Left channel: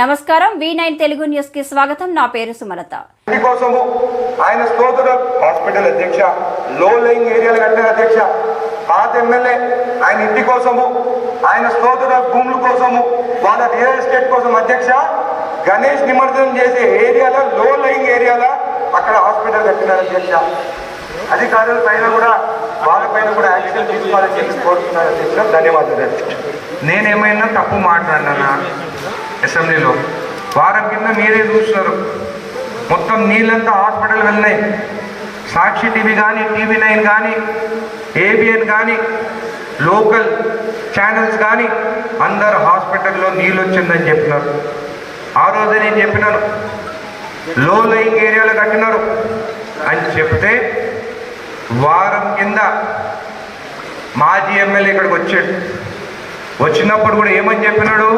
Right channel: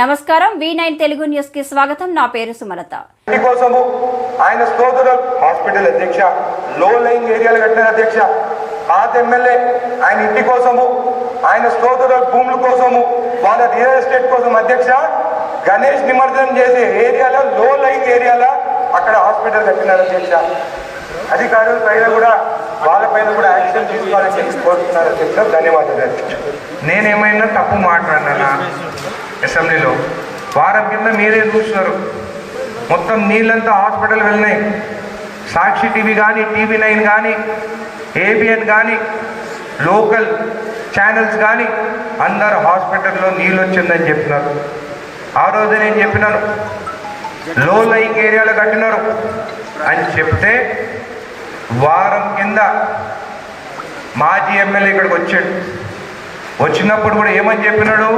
నమస్కారం V9 Telugu news కి స్వాగతం. నా పేరు సుమలత. కోసము ఆయన స్తోత్ర హాస్పిటల్ అధ్యక్ష, లో లైన్ ఏరియాల కట్టిన అధ్యక్ష, పాత ఎమ్మెల్యే ఆయన ఇంటి కోసము, ఆయన స్తోత్ర భూముల కోసము, వాళ్ళ రియల్ ఎస్టేట్ కోసం అధ్యక్ష, గణేష్ నిమజ్జనం చేసే ఏరియాల లో లైన్ ఏరియాల అక్కడ హాస్పిటల్ కట్టినారు అధ్యక్ష. అధికారుల పైన కూడా వాళ్ళ పైన కూడా యాక్షన్ తీసుకోవాలని కోరుతున్నారు అధ్యక్ష. ధన్యవాదాలు. నేనేమైనా తప్పు మాట్లాడినా అసెంబ్లీలో వారం కింద మీరే చూస్తున్నారు, మొత్తం నీళ్ళంతా హాస్పిటల్ వెళ్ళినాయి. సాక్షి టీవీ కానీ, TV9 కానీ, ABN కానీ, లోకల్ ఛానల్స్ కానీ అందరు హాస్పిటల్లో నీళ్ళు వచ్చిందని చెప్పినారు. ఆ రోజే నేను చెప్పినాను లో లైన్ ఏరియాలు కట్టినారు అని చెప్తే వారం కింద మాజీ ఎమ్మెల్యే ఇక్కడికి వచ్చాడు. వచ్చినప్పుడు కూడా ఏమని చెప్పినాడు,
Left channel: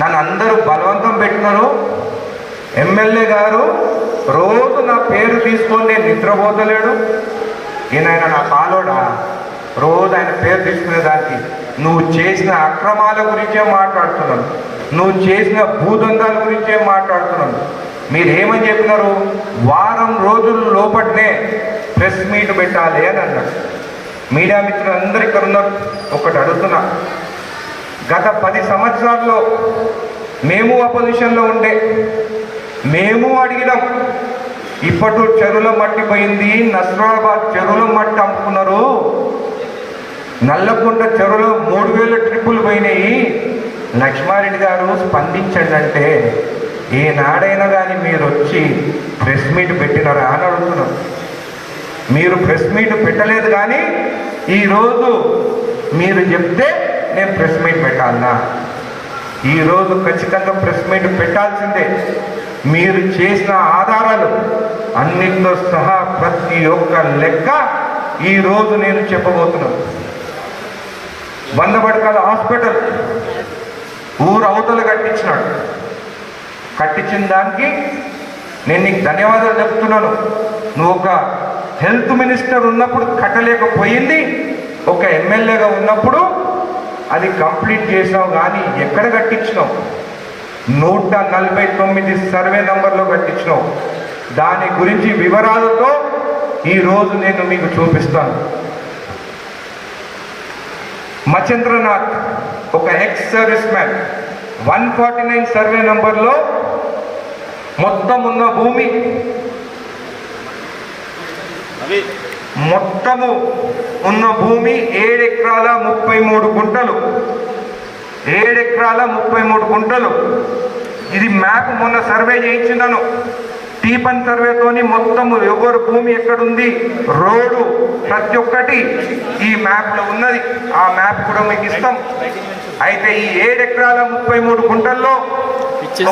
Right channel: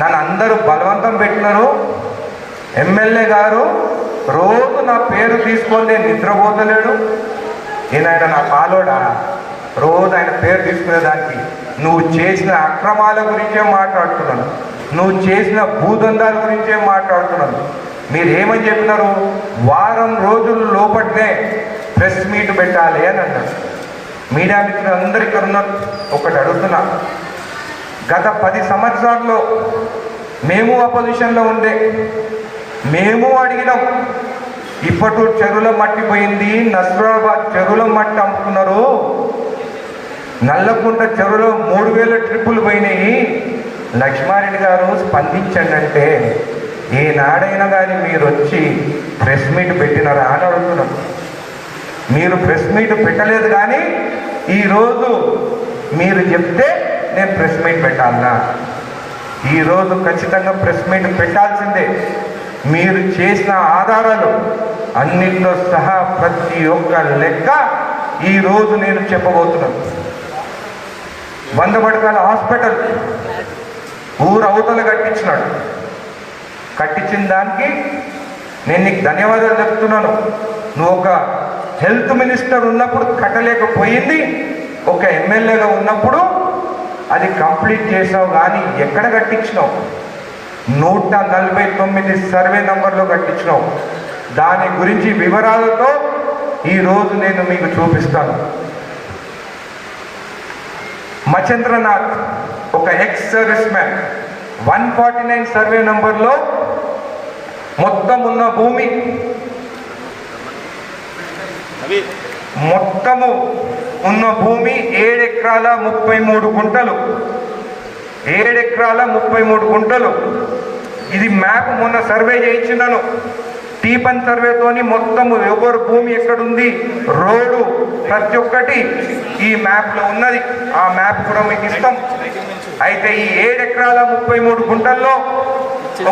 నన్ను అందరూ బలవంతం పెట్టినారు, ఎమ్మెల్యే గారు రోజు నా పేరు తీసుకొని నేను నిద్రపోతలేడు, ఆయన నా పాలోడా, రోజు ఆయన పేరు తీసుకునేదానికి నువ్వు చేసిన అక్రమాల గురించే మాట్లాడుతున్నాను, నువ్వు చేసిన భూదందాల గురించే మాట్లాడుతున్నాను. మీరు ఏమని చెప్పినారు, వారం రోజుల లోపట్నే ప్రెస్ మీట్ పెట్టాలి అని అన్నారు. మీడియా మిత్రులు అందరూ ఇక్కడ ఉన్నారు. ఒకటి అడుగుతున్నా, గత 10 సంవత్సరాల్లో మేము అపోజిషన్లో ఉండే మేము అడిగినాం, ఇప్పటి చెరువుల మట్టి పోయింది, నస్రాబాద్ చెరువుల మట్టి అమ్ముకున్నారు, నల్లకుంట చెరువులో 3000 ట్రిప్పులు పోయినాయి, లక్ష్మారెడ్డి గారు స్పందించండి అంటే ఏనాడైనా కానీ మీరు వచ్చి ప్రెస్ మీట్ పెట్టినారా అని అడుగుతున్నాం. మీరు ప్రెస్ మీట్ పెట్టలేదు, కానీ ఈరోజు మీరు చెప్తే నేను ప్రెస్ మీట్ పెట్టాలన్నా, ఈరోజు ఖచ్చితంగా ప్రెస్ మీట్ పెట్టాల్సిందే. మీరు చేసిన ఆధారాలు అన్నింటితో సహా ప్రతి ఒక్క లెక్క ఈరోజు నేను చెప్పబోతున్నాను. 100 పడకల హాస్పిటల్ ఊరు అవతల కట్టించినాడు. కట్టించిన దానికి నేను నీకు ధన్యవాదాలు చెప్తున్నాను. నువ్వు ఒక హెల్త్ మినిస్టర్ ఉన్నప్పుడు కట్టలేకపోయింది, ఒక ఎమ్మెల్యేగా ఉన్నప్పుడు అది కంప్లీట్ చేసావు, కానీ ఎక్కడ కట్టించినావు? 149 సర్వే నంబర్లో కట్టించినావు. దాని గురించి వివరాలతో ఈరోజు నేను మీకు చూపిస్తాను. మచేంద్రనాథ్ ఒక ఎక్స్ సర్వీస్ మ్యాన్, 149 సర్వే నంబర్లో మొత్తం ఉన్న భూమి, మొత్తము ఉన్న భూమి 7 ఎకరాల 33 గుంటలు. 7 ఎకరాల 33 గుంటలు. ఇది మ్యాప్ మొన్న సర్వే చేయించినాను. టీపన్ సర్వేతోని మొత్తము ఎవరు భూమి ఎక్కడుంది, రోడ్డు ప్రతి ఒక్కటి ఈ మ్యాప్లో ఉన్నది. ఆ మ్యాప్ కూడా మీకు ఇస్తాం. అయితే ఈ 7 ఎకరాల 33 గుంటల్లో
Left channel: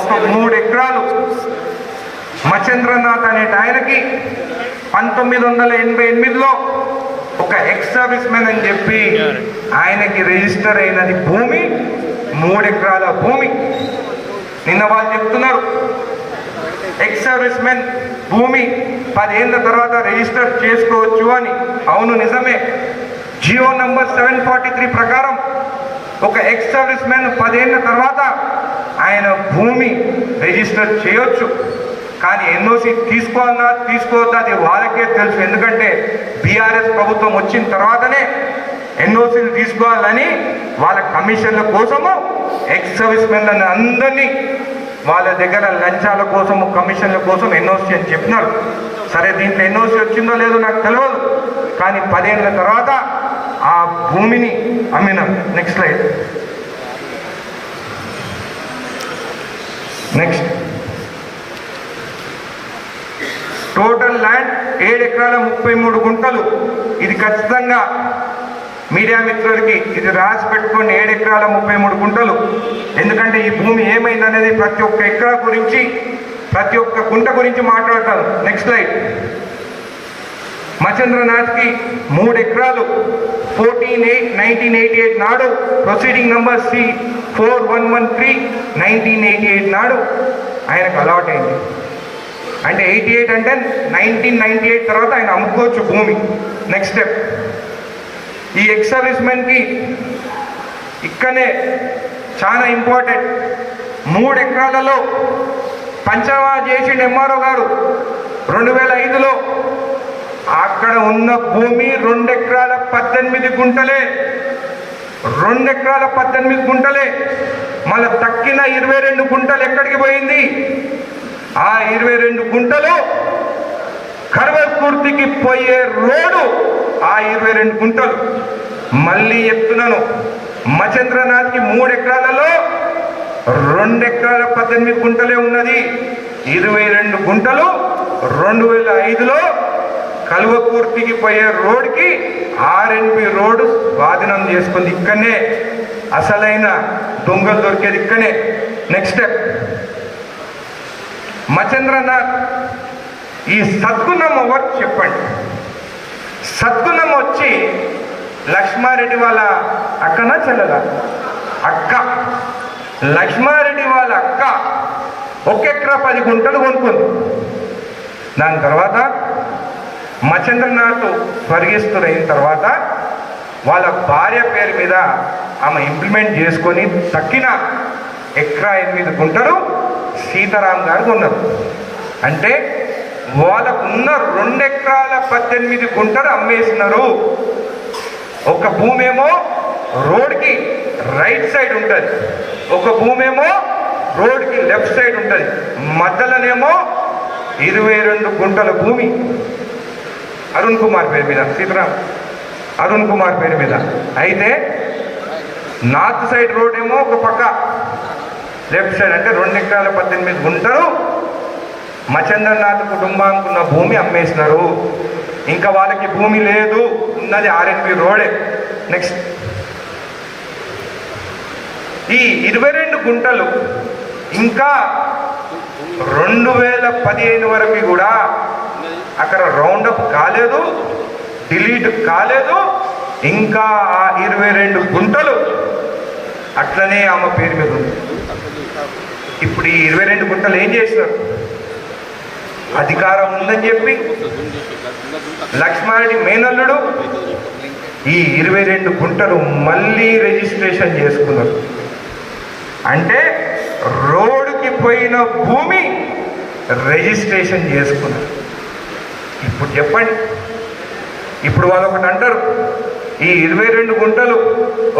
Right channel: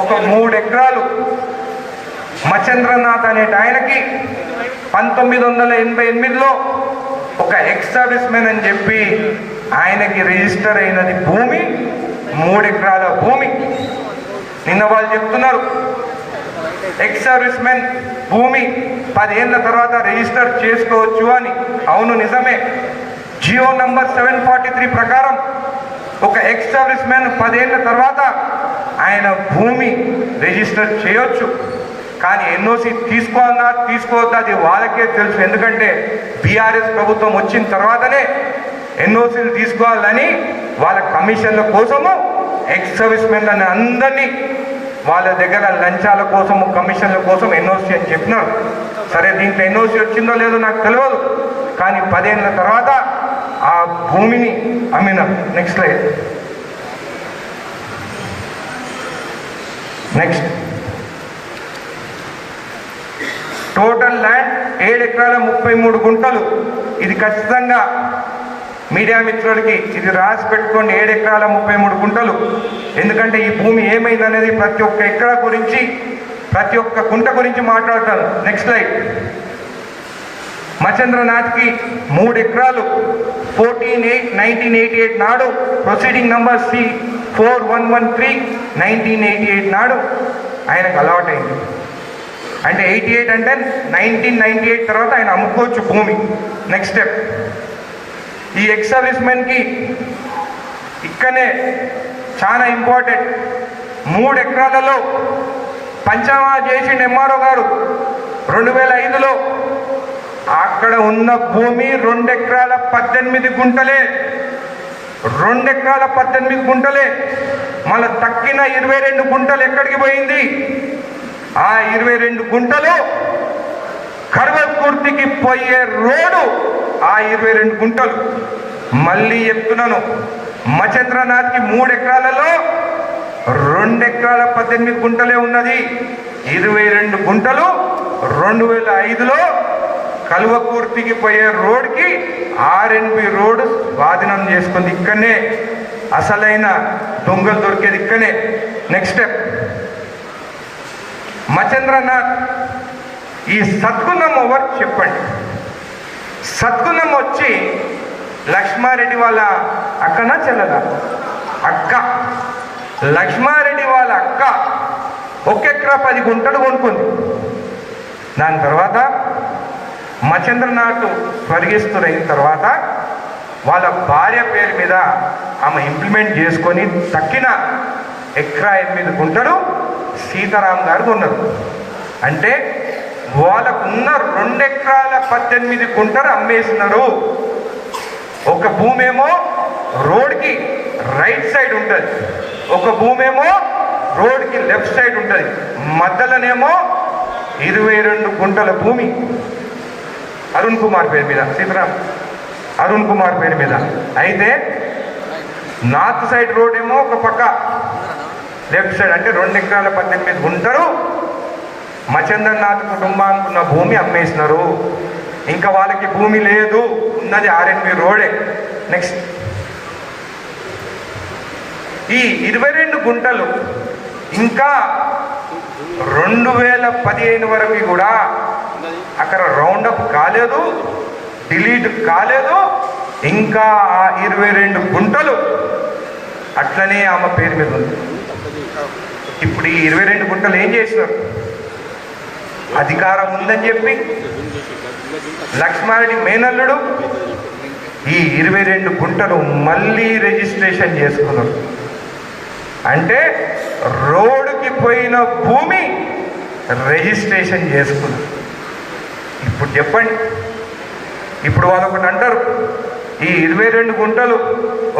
ఒక 3 ఎకరాలు మచేంద్రనాథ్ అనే ఆయనకి 1988లో ఒక ఎక్స్ సర్వీస్ మ్యాన్ అని చెప్పి ఆయనకి రిజిస్టర్ అయినది భూమి, 3 ఎకరాల భూమి. నిన్న వాళ్ళు చెప్తున్నారు ఎక్స్ సర్వీస్ మ్యాన్ భూమి 10 ఏళ్ళ తర్వాత రిజిస్టర్ చేసుకోవచ్చు అని. అవును, నిజమే. జియో నంబర్ 743 ప్రకారం ఒక ఎక్స్ సర్వీస్ మ్యాన్ 10 ఏళ్ళ తర్వాత ఆయన భూమి రిజిస్టర్ చేయొచ్చు. కానీ ఎన్ఓసి తీసుకోవద్దా అది వాళ్ళకే తెలుసు. ఎందుకంటే బీఆర్ఎస్ ప్రభుత్వం వచ్చిన తర్వాతనే ఎన్ఓసీలు తీసుకోవాలని వాళ్ళ కమిషన్ల కోసము ఎక్స్ సర్వీస్ మెన్లని అందరినీ వాళ్ళ దగ్గర లంచాల కోసము, కమిషన్ల కోసం ఎన్ఓసి అని చెప్పినారు. సరే, దీంట్లో ఎన్ఓసి వచ్చిందో లేదో నాకు తెలియదు, కానీ 10 ఏళ్ళ తర్వాత ఆ భూమిని అమ్మినారు. Next slide. Next, total land 7 ఎకరాల 33 గుంటలు. ఇది ఖచ్చితంగా మీడియా మిత్రుడికి ఇది రాసి పెట్టుకోండి, 7 ఎకరాల 33 గుంటలు. ఎందుకంటే ఈ భూమి ఏమైందనేది ప్రతి ఒక్క ఎకరా గురించి, ప్రతి ఒక్క గుంట గురించి మాట్లాడతాను. Next slide. మచేంద్రనాథ్కి 3 ఎకరాలు 14/8/1988 నాడు ప్రొసీడింగ్ నంబర్ C4113 1988 నాడు ఆయనకు అలాట్ అయింది. అంటే 88 అంటే 1998 తర్వాత ఆయన అమ్ముకోవచ్చు భూమి. నెక్స్ట్ స్టెప్, ఈ ఎక్స్ సర్వీస్ మెన్కి ఇక్కడనే చాలా ఇంపార్టెంట్. 3 ఎకరాలలో పంచమా చేసిండు ఎంఆర్ఓ గారు 2005లో. అక్కడ ఉన్న భూమి 2 ఎకరాల 18 గుంటలే. 2 ఎకరాల 18 గుంటలే. మళ్ళీ తక్కిన 22 గుంటలు ఎక్కడికి పోయింది? ఆ 22 గుంటలు కడవకుర్తికి పోయే రోడ్డు. ఆ 22 గుంటలు మళ్ళీ చెప్తున్నాను, మచేంద్రనాథ్కి 3 ఎకరాలలో 2 ఎకరాల 18 గుంటలే ఉన్నది. 22 గుంటలు 2005లో కల్వకుర్తికి పోయే రోడ్కి ఆర్ఎన్బి రోడ్డు స్వాధీనం చేసుకుంది. ఇక్కడనే అసలైన దొంగలు దొరికేది ఇక్కడనే. నెక్స్ట్ స్టెప్, మచేంద్రనాథ్ ఈ సద్గుణం ఎవరు చెప్పండి? సద్గుణం వచ్చి లక్ష్మారెడ్డి వాళ్ళ అక్కన చెల్లదా? అక్క. లక్ష్మారెడ్డి వాళ్ళ అక్క 1 ఎకరా 10 గుంటలు కొనుక్కుంది. దాని తర్వాత మచేంద్రనాథ్ స్వర్గస్థులైన తర్వాత వాళ్ళ భార్య పేరు మీద ఆమె ఇంప్లిమెంట్ చేసుకొని తక్కిన 1 ఎకరా 8 గుంటలు సీతారాం గారు ఉన్నారు. అంటే వాళ్ళకున్న 2 ఎకరాల 18 గుంటలు అమ్మేస్తున్నారు. ఒక భూమి ఏమో రోడ్కి రైట్ సైడ్ ఉంటుంది, ఒక భూమి ఏమో రోడ్కి లెఫ్ట్ సైడ్ ఉంటుంది. మధ్యలోనేమో 22 గుంటల భూమి అరుణ్ కుమార్ పేరు మీద, సీతారాం అరుణ్ కుమార్ పేరు మీద. అయితే నార్త్ సైడ్ రోడ్ ఏమో ఒక పక్క, లెఫ్ట్ సైడ్ అంటే 2 ఎకరాల 18 గుంటలు మచేంద్రనాథ్ కుటుంబానికి ఉన్న భూమి అమ్మేసినారు. ఇంకా వాళ్ళకి భూమి లేదు, ఉన్నది ఆర్ఎన్బి రోడే. నెక్స్ట్, ఈ 22 గుంటలు ఇంకా 2015 వరకు కూడా అక్కడ రౌండప్ కాలేదు, డిలీట్ కాలేదు. ఇంకా ఆ 22 గుంటలు అట్లనే ఆమె పేరు మీద ఉంది. ఇప్పుడు ఈ 22 గుంటలు ఏం చేసినారు? అధికారం ఉందని చెప్పి లక్ష్మారెడ్డి మేనల్లుడు ఈ 22 గుంటలు మళ్ళీ రిజిస్ట్రేషన్ చేసుకున్నారు. అంటే రోడ్డుకి పోయిన భూమి రిజిస్ట్రేషన్ చేసుకున్నారు. ఇప్పుడు చెప్పండి, ఇప్పుడు వాళ్ళు ఒకటి అంటారు, ఈ 22 గుంటలు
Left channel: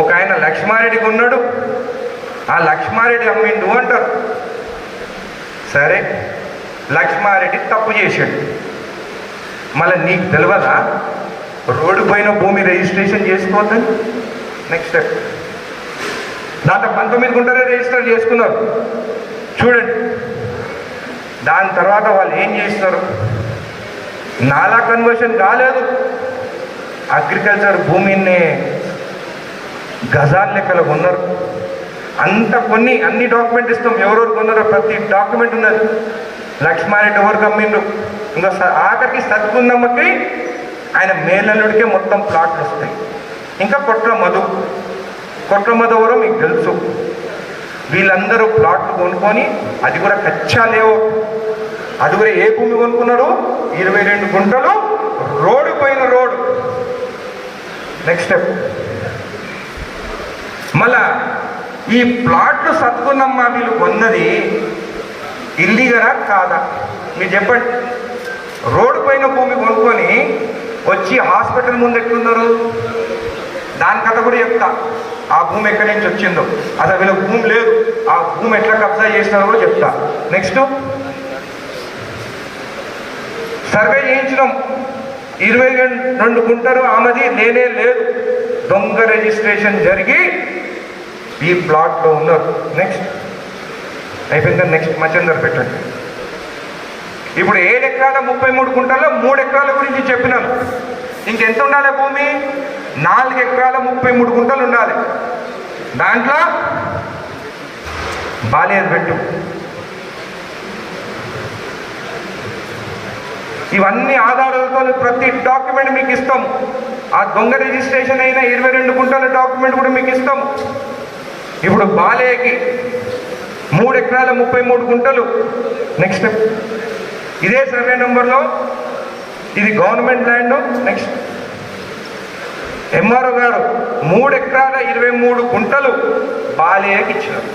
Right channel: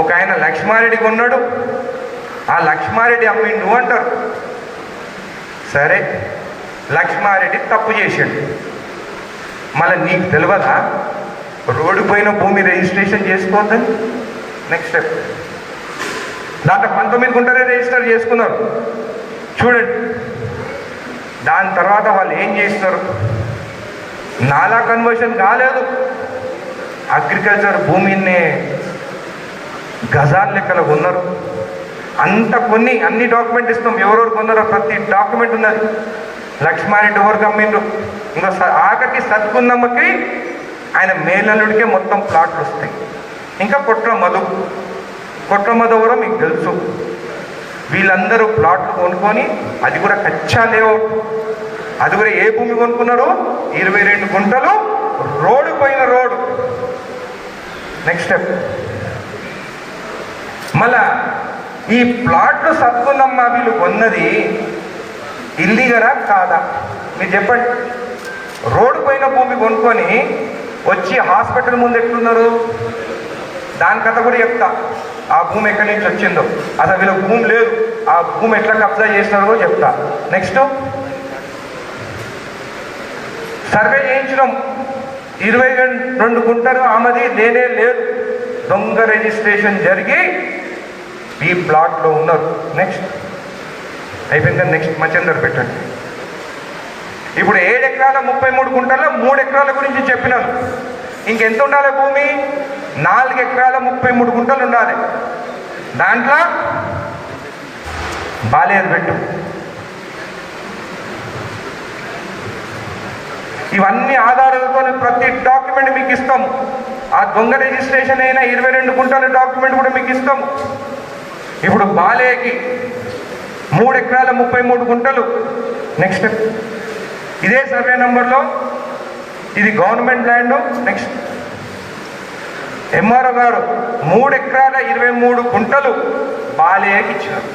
ఒక ఆయన లక్ష్మారెడ్డి కొన్నాడు, ఆ లక్ష్మారెడ్డి అమ్మిండు అంటారు. సరే, లక్ష్మారెడ్డి తప్పు చేశాడు, మళ్ళీ నీకు తెలియదా రోడ్డు పోయిన భూమి రిజిస్ట్రేషన్ చేసుకోవద్దు? నెక్స్ట్ స్టెప్, దాంట్లో 19 గుంటలే రిజిస్టర్ చేసుకున్నారు. చూడండి, దాని తర్వాత వాళ్ళు ఏం చేస్తున్నారు? నాలా కన్వర్షన్ కాలేదు, అగ్రికల్చర్ భూమిని గజాల లెక్కలో కొన్నారు. అంత కొన్ని అన్ని డాక్యుమెంట్ ఇస్తాం, ఎవరెవరు కొన్నారో ప్రతి డాక్యుమెంట్ ఉన్నది. లక్ష్మారెడ్డి ఎవరికి అమ్మిండు, ఇంకా ఆఖరికి సద్గుందమ్మకి ఆయన మేనల్లుడికే మొత్తం ప్లాట్లు వస్తాయి. ఇంకా కొట్ర మధు ఎవరో మీకు తెలుసు. వీళ్ళందరూ ప్లాట్లు కొనుక్కొని, అది కూడా కచ్చా లేవు, అది కూడా ఏ భూమి కొనుక్కున్నారు? 22 గుంటలు రోడ్డు పైన రోడ్డు. నెక్స్ట్ స్టెప్, మళ్ళా ఈ ప్లాట్లు సద్గుందమ్మ వీళ్ళు కొన్నది ఇల్లీగలా కాదా? మీరు చెప్పండి. రోడ్డు పైన భూమి కొనుక్కొని వచ్చి హాస్పిటల్ ముందు ఎట్లున్నారు? దాని కథ కూడా చెప్తా. ఆ భూమి ఎక్కడి నుంచి వచ్చిందో, అసలు వీళ్ళ భూమి లేదు, ఆ భూమి ఎట్లా కబ్జా చేసినారో చెప్తా. నెక్స్ట్, సర్వే చేయించడం 22 గుంటలు ఆమెది లేనే లేదు, దొంగ రిజిస్ట్రేషన్ జరిగి ఈ ప్లాట్లో ఉన్నారు. నెక్స్ట్ అయిపోయింది. నెక్స్ట్ మచేందర్ పెట్టండి. ఇప్పుడు 7 ఎకరాల 33 గుంటల్లో 3 ఎకరాల గురించి చెప్పినాను. ఇంకెంత ఉండాలి భూమి? 4 ఎకరాల 33 గుంటలు ఉండాలి. దాంట్లో బాలేరు పెట్టు. ఇవన్నీ ఆధారాలతో ప్రతి డాక్యుమెంట్ మీకు ఇస్తాం. ఆ దొంగ రిజిస్ట్రేషన్ అయిన 22 గుంటల డాక్యుమెంట్ కూడా మీకు ఇస్తాం. ఇప్పుడు బాలేకి 3 ఎకరాల 33 గుంటలు. నెక్స్ట్ స్టెప్, ఇదే సర్వే నెంబర్లో ఇది గవర్నమెంట్ ల్యాండ్. నెక్స్ట్ ఎంఆర్ఓ గారు 3 ఎకరాల 23 గుంటలు బాలేకి ఇచ్చారు.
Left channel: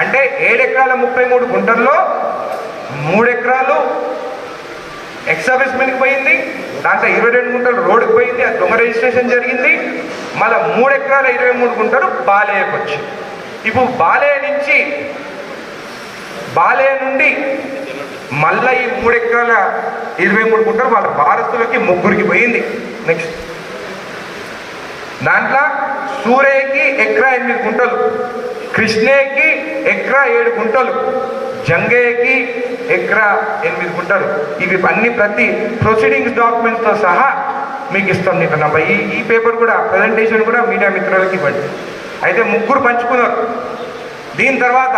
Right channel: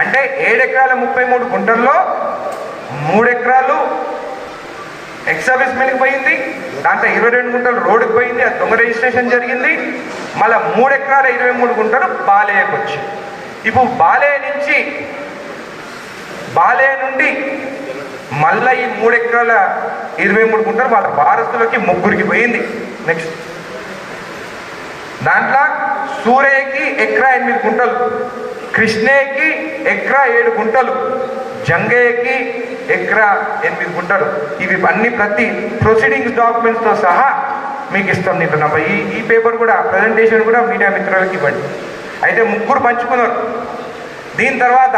అంటే 7 ఎకరాల 33 గుంటల్లో 3 ఎకరాలు ఎక్సర్విస్మెంట్కి పోయింది, దాంట్లో 22 గుంటలు రోడ్డుకి పోయింది, అది దొంగ రిజిస్ట్రేషన్ జరిగింది. మళ్ళీ 3 ఎకరాల 23 గుంటలు బాలేకి వచ్చింది. ఇప్పుడు బాలే నుండి మళ్ళీ ఈ 3 ఎకరాల 23 గుంటలు వాళ్ళ వారసులకి 3కి పోయింది. నెక్స్ట్ దాంట్లో సూర్యకి ఎకరా 8 గుంటలు, కృష్ణేకి ఎకరా 7 గుంటలు, జంగయ్యకి ఎకరా 8 గుంటలు. ఇవి అన్ని ప్రతి ప్రొసీడింగ్స్ డాక్యుమెంట్స్తో సహా మీకు ఇస్తాం. నీకు నా ఈ పేపర్ కూడా ప్రజెంటేషన్ కూడా మీడియా మిత్రులకి ఇవ్వండి. అయితే 3 పంచుకున్నారు. దీని తర్వాత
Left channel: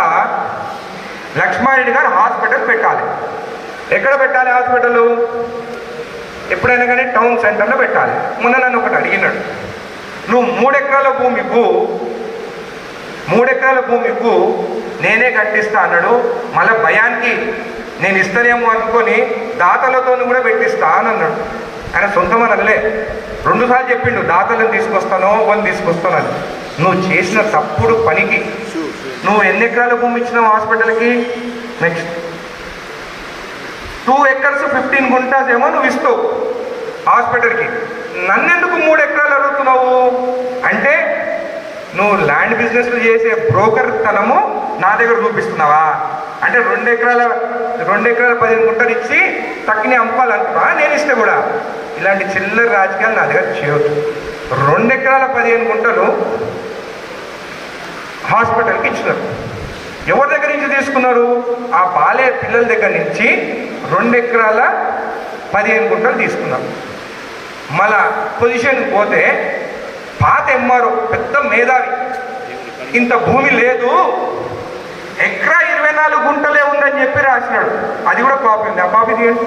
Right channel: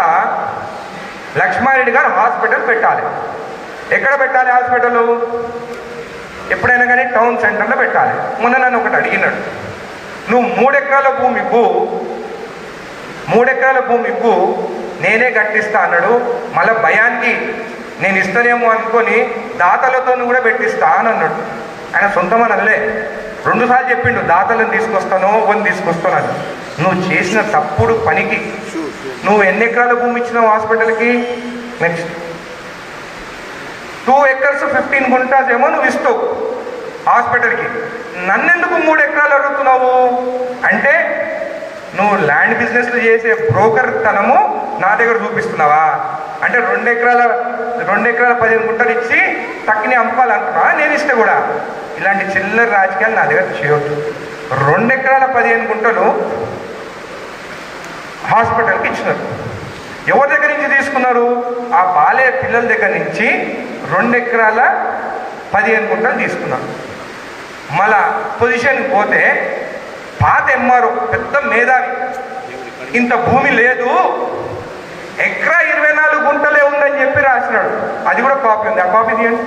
లక్ష్మారెడ్డి గారు హాస్పిటల్ పెట్టాలి. ఎక్కడ పెట్టాలి హాస్పిటల్? ఎప్పుడైనా కానీ టౌన్ సెంటర్లో పెట్టాలి. మొన్న నన్ను ఒకటి అడిగినాడు, నువ్వు 3 ఎకరాల భూమికు నేనే కట్టిస్తా అన్నాడు. మళ్ళీ భయానికి నేను ఇస్తానేమో అనుకొని దాతలతో కూడా పెట్టిస్తా అని అన్నాడు. ఆయన సొంతమని అనలే, 2 సార్లు చెప్పిండు, దాతలను తీసుకొస్తానో తీసుకొస్తానని. నువ్వు చేసిన తప్పుడు పనికి నువ్వు ఎన్ని ఎకరాల భూమి ఇచ్చినావు హాస్పిటల్కి? నెక్స్ట్ 2 acres 15 గుంటాస్ ఏమో నువ్వు ఇస్తావు హాస్పిటల్కి. నన్నెందుకు 3 ఎకరాలు అడుగుతున్నావు అంటే నువ్వు ల్యాండ్ బిజినెస్లు చేసే బ్రోకర్ తనము నా దగ్గర చూపిస్తున్నావా? అంటే 2 ఎకరాల 15 గుంటలు ఇచ్చి తక్కువనే అమ్ముకోవాలనుకున్నా నేను ఇస్తే కూడా. ఇలాంటి చిల్లర రాజకీయాలు నా దగ్గర చేయొచ్చు. 2 ఎకరాల 15 గుంటలు హాస్పిటల్కి ఇచ్చినారు. ఎవరి దగ్గర నుంచి తీసుకున్నారు? ఆ బాలే పిల్లల దగ్గర నుంచి 2 ఎకరాల 15 గుంటలు తీసుకున్నారు. మళ్ళా పొజిషన్ పోతే పాత ఎంఆర్ఓ పెద్ద మేధావి, ఇంత భూమి లేదు, ఎకరా 24 గుంటలే ఉందని చెప్పి రాసినాడు. అది కూడా కాపీ ఉంది. ఆ కాపీ తీయండి.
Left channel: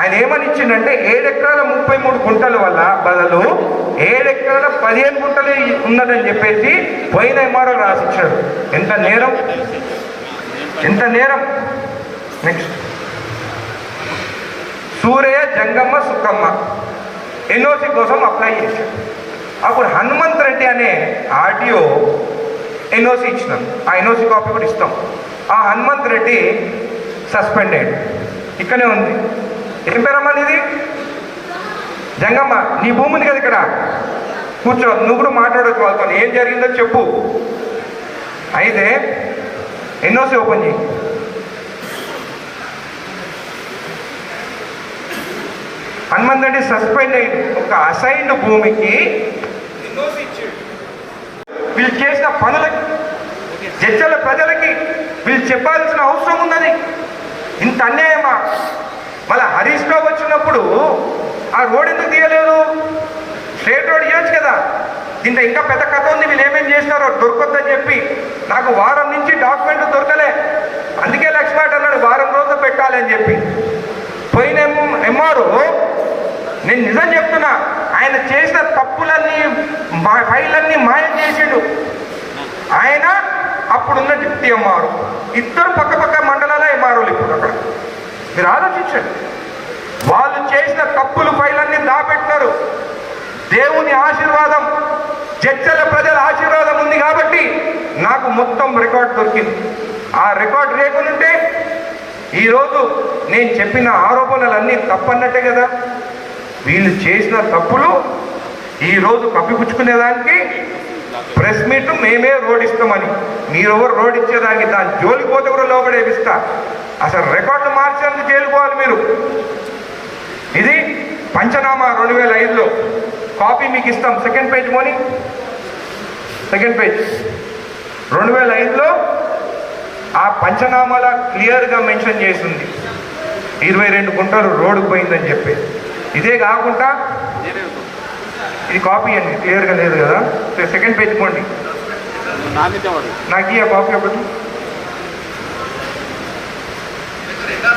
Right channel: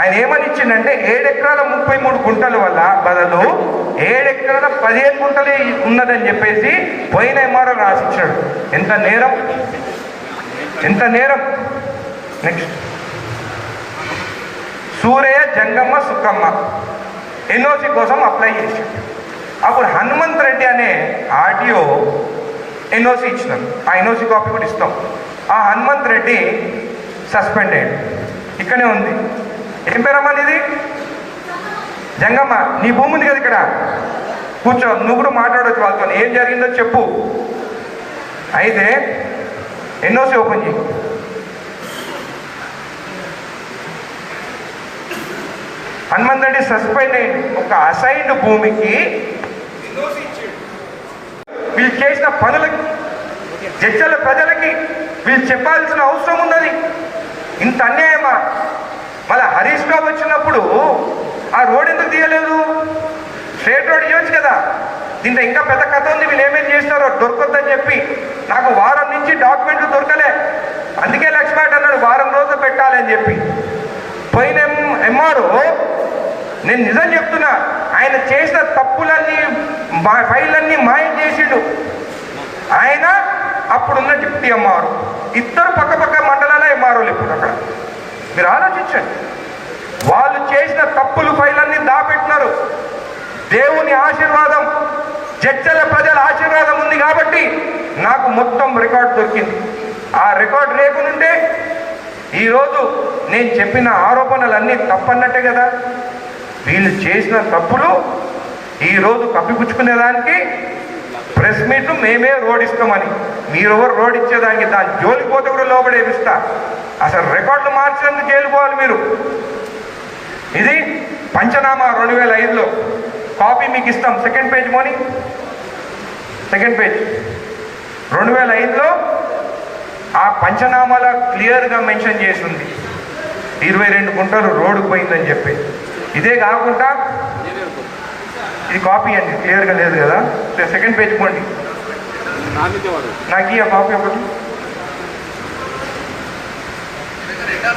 ఆయన ఏమని ఇచ్చిందంటే 7 ఎకరాల 33 గుంటల వల్ల బదులు 7 ఎకరాల 15 గుంటలే ఉన్నదని చెప్పేసి పోయిన ఎంఆర్ఓ రాసిచ్చాడు. ఎంత నేరం! నెక్స్ట్ సూరయ్య, జంగమ్మ, సుక్కమ్మ ఎన్ఓసి కోసం అప్లై చేసి అప్పుడు హనుమంత్ రెడ్డి అనే ఆర్టీఓ ఎన్ఓసి ఇచ్చినారు. ఆ ఎన్ఓసి కాపీ కూడా ఇస్తాం. ఆ హనుమంత్ రెడ్డి సస్పెండ్ అయ్యాడు. ఇక్కడే ఉంది. ఏం పేరమ్మా ఇది? జంగమ్మ, నీ భూమి ఉంది కదా ఇక్కడ, కూర్చో, నువ్వు కూడా మాట్లాడవచ్చు వాళ్ళతో, ఏం జరిగిందో చెప్పు. అయితే ఎన్ఓసి ఓపెన్ చేయి. హనుమంత్ రెడ్డి సస్పెండ్ అయ్యింది. ఒక అసైన్డ్ భూమికి ఎన్ఓసి ఇచ్చాడు. వీళ్ళు చేసిన పనులకి జడ్చల ప్రజలకి వీళ్ళు చెప్పాల్సిన అవసరం ఉన్నది. ఇంత అన్యాయమా? మళ్ళీ హరీష్ రావు వచ్చినప్పుడు ఆ రోడ్ ఎందుకు తీయలేదు? స్ట్రేట్ రోడ్ ఇవ్వచ్చు కదా. దీంట్లో ఇంకా పెద్ద కథ ఉంది. వీళ్ళు ఏమేమి చేసినారో దొరకొద్దని చెప్పి నాకు వారం నుంచి డాక్యుమెంట్ దొరకలే. అందుకే లక్ష్మణ్ అన్నాడు వారం రోజులు పెట్టాలని చెప్పి. పోయిన ఎంఆర్ఓ, నేను నిజం చెప్తున్నా, ఆయన చేసిన తప్పులన్నీ ఫైళ్ళన్నీ మాయ చేసిండు. ఆయన అప్పుడున్న డిప్యూటీ ఎంఆర్ఓ, ఇద్దరు పక్క మండలాల ఎంఆర్ఓలు ఇప్పుడు అక్కడ. మీరు ఆలోచించండి. వాళ్ళు చేసిన తప్పులు ఫైళ్ళన్నీ దాపెట్టినారు. దేవుని ఆశీర్వాదం, జడ్చల ప్రజల ఆశీర్వాదం ఉంది కాబట్టి నాకు మొత్తం రికార్డు దొరికింది. ఆ రికార్డు లేకుంటే ఈరోజు నేను చెప్పిన ఆరోపణలన్నీ తప్పన్నట్టే కదా. వీళ్ళు చేసిన తప్పులు ఈరోజు కప్పిపుచ్చుకునేదానికి ప్రెస్ మీట్ మేమే రోడ్ ఇస్తామని, మీరెవరు రోడ్ ఇచ్చేదానికి దాని జోలికి పోతే కూడా లోపడేపిస్తా. అసలు రికార్డులు మార్చేందుకు జైలుకోవాలి మీరు. ఇది పంచనామా 2005లో కాపీ మీకు ఇస్తాం. సెకండ్ పేజ్ మోని, సెకండ్ పేజ్. 2005లో ఆ పంచనామాల క్లియర్గా మెన్షన్ చేసింది 22 గుంటలు రోడ్డు పోయిందని చెప్పి. ఇదే కాకుండా ఇది కాపీ అండి, క్లియర్గా లేదు కదా. సెకండ్ పేజ్ పోండి, నాకు ఈ కాపీ ఒకటి.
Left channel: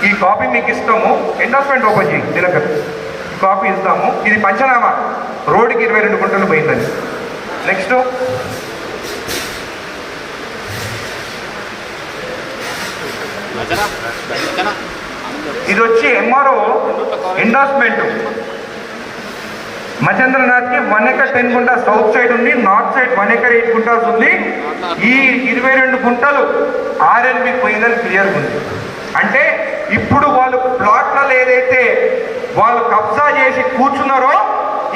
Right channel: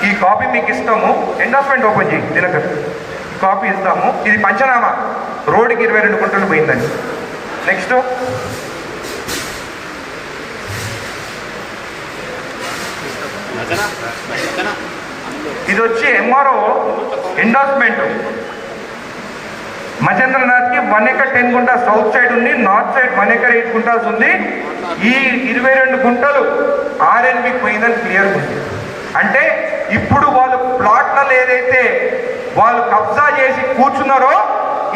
ఈ కాపీ మీకు ఇస్తాము. ఎండార్స్మెంట్ ఓపెన్ చేయి దినకర్, కాపీ ఇస్తాము. ఇది పంచనామా, రోడ్డుకి 22 గుంటలు పోయిందని. నెక్స్ట్ ఇది వచ్చి ఎంఆర్ఓ ఎండార్స్మెంట్. మహేంద్రనాథ్కి 1 ఎకర్ 10 గుంటా సౌత్ సైడ్ ఉంది, నార్త్ సైడ్ 1 ఎకర్ 8 గుంటాస్ ఉంది. ఈ 22 గుంటలు ఆర్ఎన్బికి పోయిందని క్లియర్ ఉంది. అంటే ఇప్పుడు వాళ్ళు ప్లాట్లలో ఏదైతే వాళ్ళు కబ్జా చేసి కూర్చున్నారో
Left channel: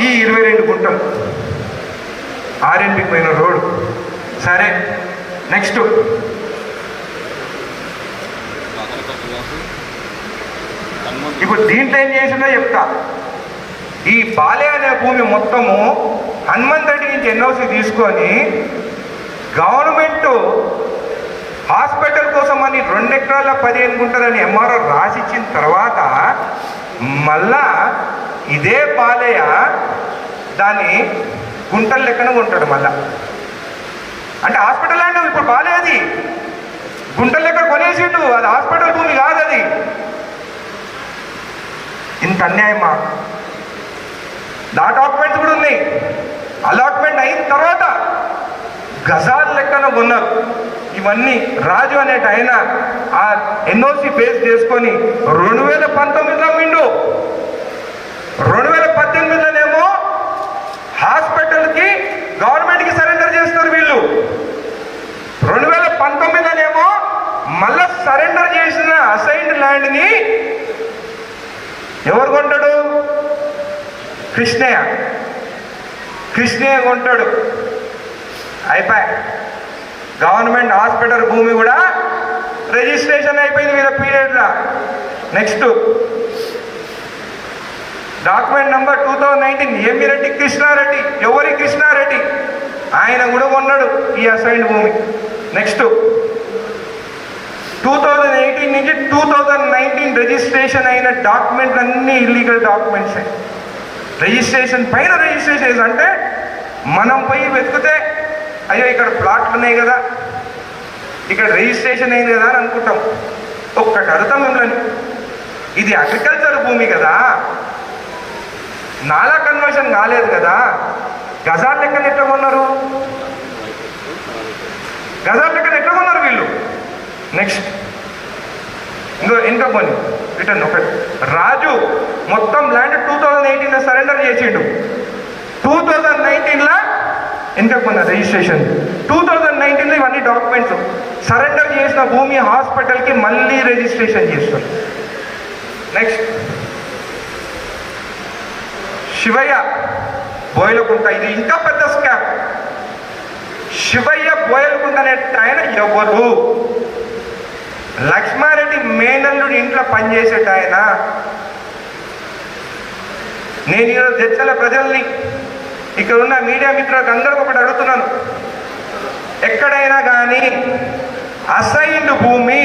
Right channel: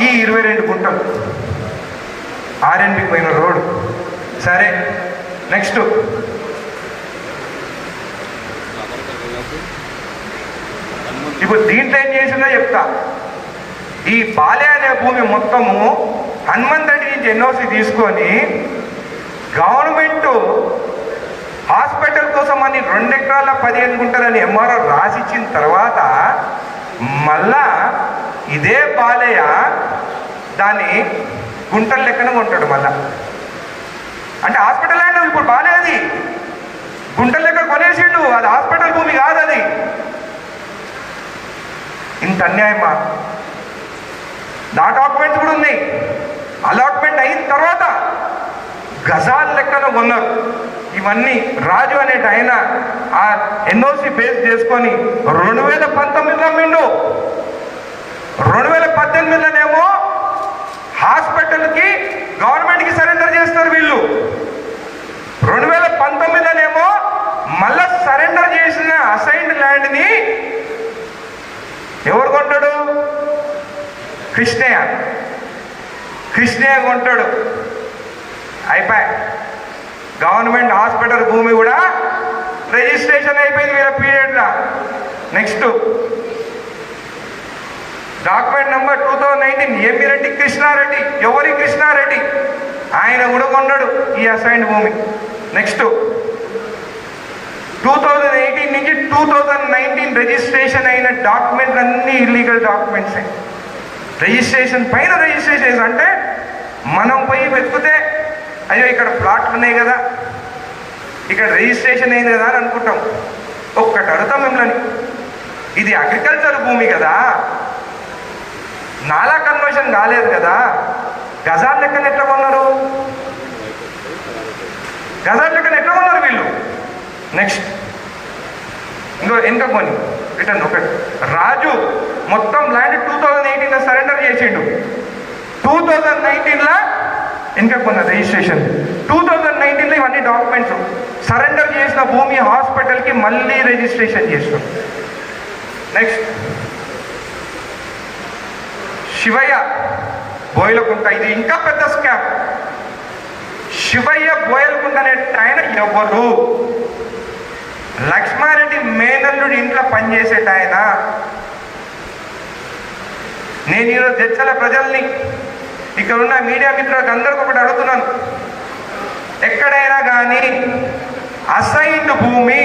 ఈ 22 గుంటలు ఆర్ఎన్బికి పోయిన రోడ్. సరే, నెక్స్ట్ ఇప్పుడు దీంట్లో ఏం చేసిందో చెప్తా. ఈ బాలే అనే భూమి మొత్తము హనుమంత్ రెడ్డి నుంచి ఎన్ఓసి తీసుకొని గవర్నమెంట్ హాస్పిటల్ కోసం అని 2 ఎకరాల 15 గుంటలని ఎంఆర్ఓ రాసిచ్చిన తర్వాత మళ్ళా ఇదే బాలయ్య దాన్ని గుంటల లెక్కన కొంటాడు మళ్ళా. అంటే హాస్పిటల్ అంటే ఇప్పుడు బాలేది గుంటల లెక్క కొనేసిండు, అది హాస్పిటల్ భూమి కాదు అది. ఇంత అన్యాయమా? నా డాక్యుమెంట్స్ కూడా ఉన్నాయి. అలాట్మెంట్ అయిన తర్వాత గజాల లెక్కన కొన్నారు. ఇవన్నీ రాజు అనేట ఆయన ఆ ఎన్ఓసి బేస్ చేసుకొని 2019లో విండు, 2018లోనేమో హాస్పిటల్కి గవర్నమెంట్కి సరెండర్ చేస్తారు వీళ్ళు. 2019లోనేమో మళ్ళా సరెండర్ చేసిన అసైన్డ్ ల్యాండ్ని ఎవరు కొంటాడు? కృష్ణయ్య కొంటాడు. అయిపోయి గవర్నమెంట్ హాస్పిటల్ భూమి కూడా రిజిస్ట్రేషన్ అయిపోయింది వీళ్ళ పీరియడ్లో. Next document number 2019 Emmireddy Krishnareddy. ఎవరి కృష్ణారెడ్డి? ఆయన కూడా కొన్నాడు ఈ అసైన్డ్ భూమి. నెక్స్ట్ 2018 నుంచి 2019 రిజిస్ట్రేషన్ అయిన డాక్యుమెంట్ అన్ని ఇల్లీగల్ డాక్యుమెంట్స్. రిజిస్ట్రేషన్ పైన రిజిస్ట్రేషన్ అంటే మనం పోయి వెతికితే అయ్యో ఇక్కడ ప్లాట్లు ఉన్నాయి కదా, ఇక్కడ రిజిస్ట్రేషన్ అయింది కదా అని అనుకుంటాం. ఒక్కటి అడుగుతాం మిమ్మల్ని, ఇది అగ్రికల్చర్ భూమి కదా, నాలా కన్వర్షన్ కాలేదు కదా, గజాల లెక్కన ఎట్లా కొన్నారు? గజాల లెక్కన ఎట్లా కొన్నారు వీళ్ళు? నెక్స్ట్ ఇంకా కొన్ని రిటర్న్ ఒకటి. రాజు మొత్తం ల్యాండ్ 2018లో సరెండర్ చేసిండు. 2019లో ఇంకా కొన్న రిజిస్ట్రేషన్. 2019లో ఇవన్నీ డాక్యుమెంట్స్ సరెండర్ చేసిన భూమి హాస్పిటల్కి మళ్ళీ రిజిస్ట్రేషన్ చేసుకుంది. నెక్స్ట్ శివయ్య బోయలకుంట. ఇది ఇంకా పెద్ద స్కామ్. శివయ్య బోయలకుంట అనే ఆయన ఎవరు? లక్ష్మారెడ్డి మేనల్లుడి ఇంట్లో పనిచేసేట ఆయన. నేను ఈరోజు జడ్చల ప్రజల్ని, ఇక్కడ ఉన్న మీడియా మిత్రులకు అందరికీ ఒకటి అడుగుతున్నాను, ఎక్కడైనా కానీ అసైన్డ్ భూమి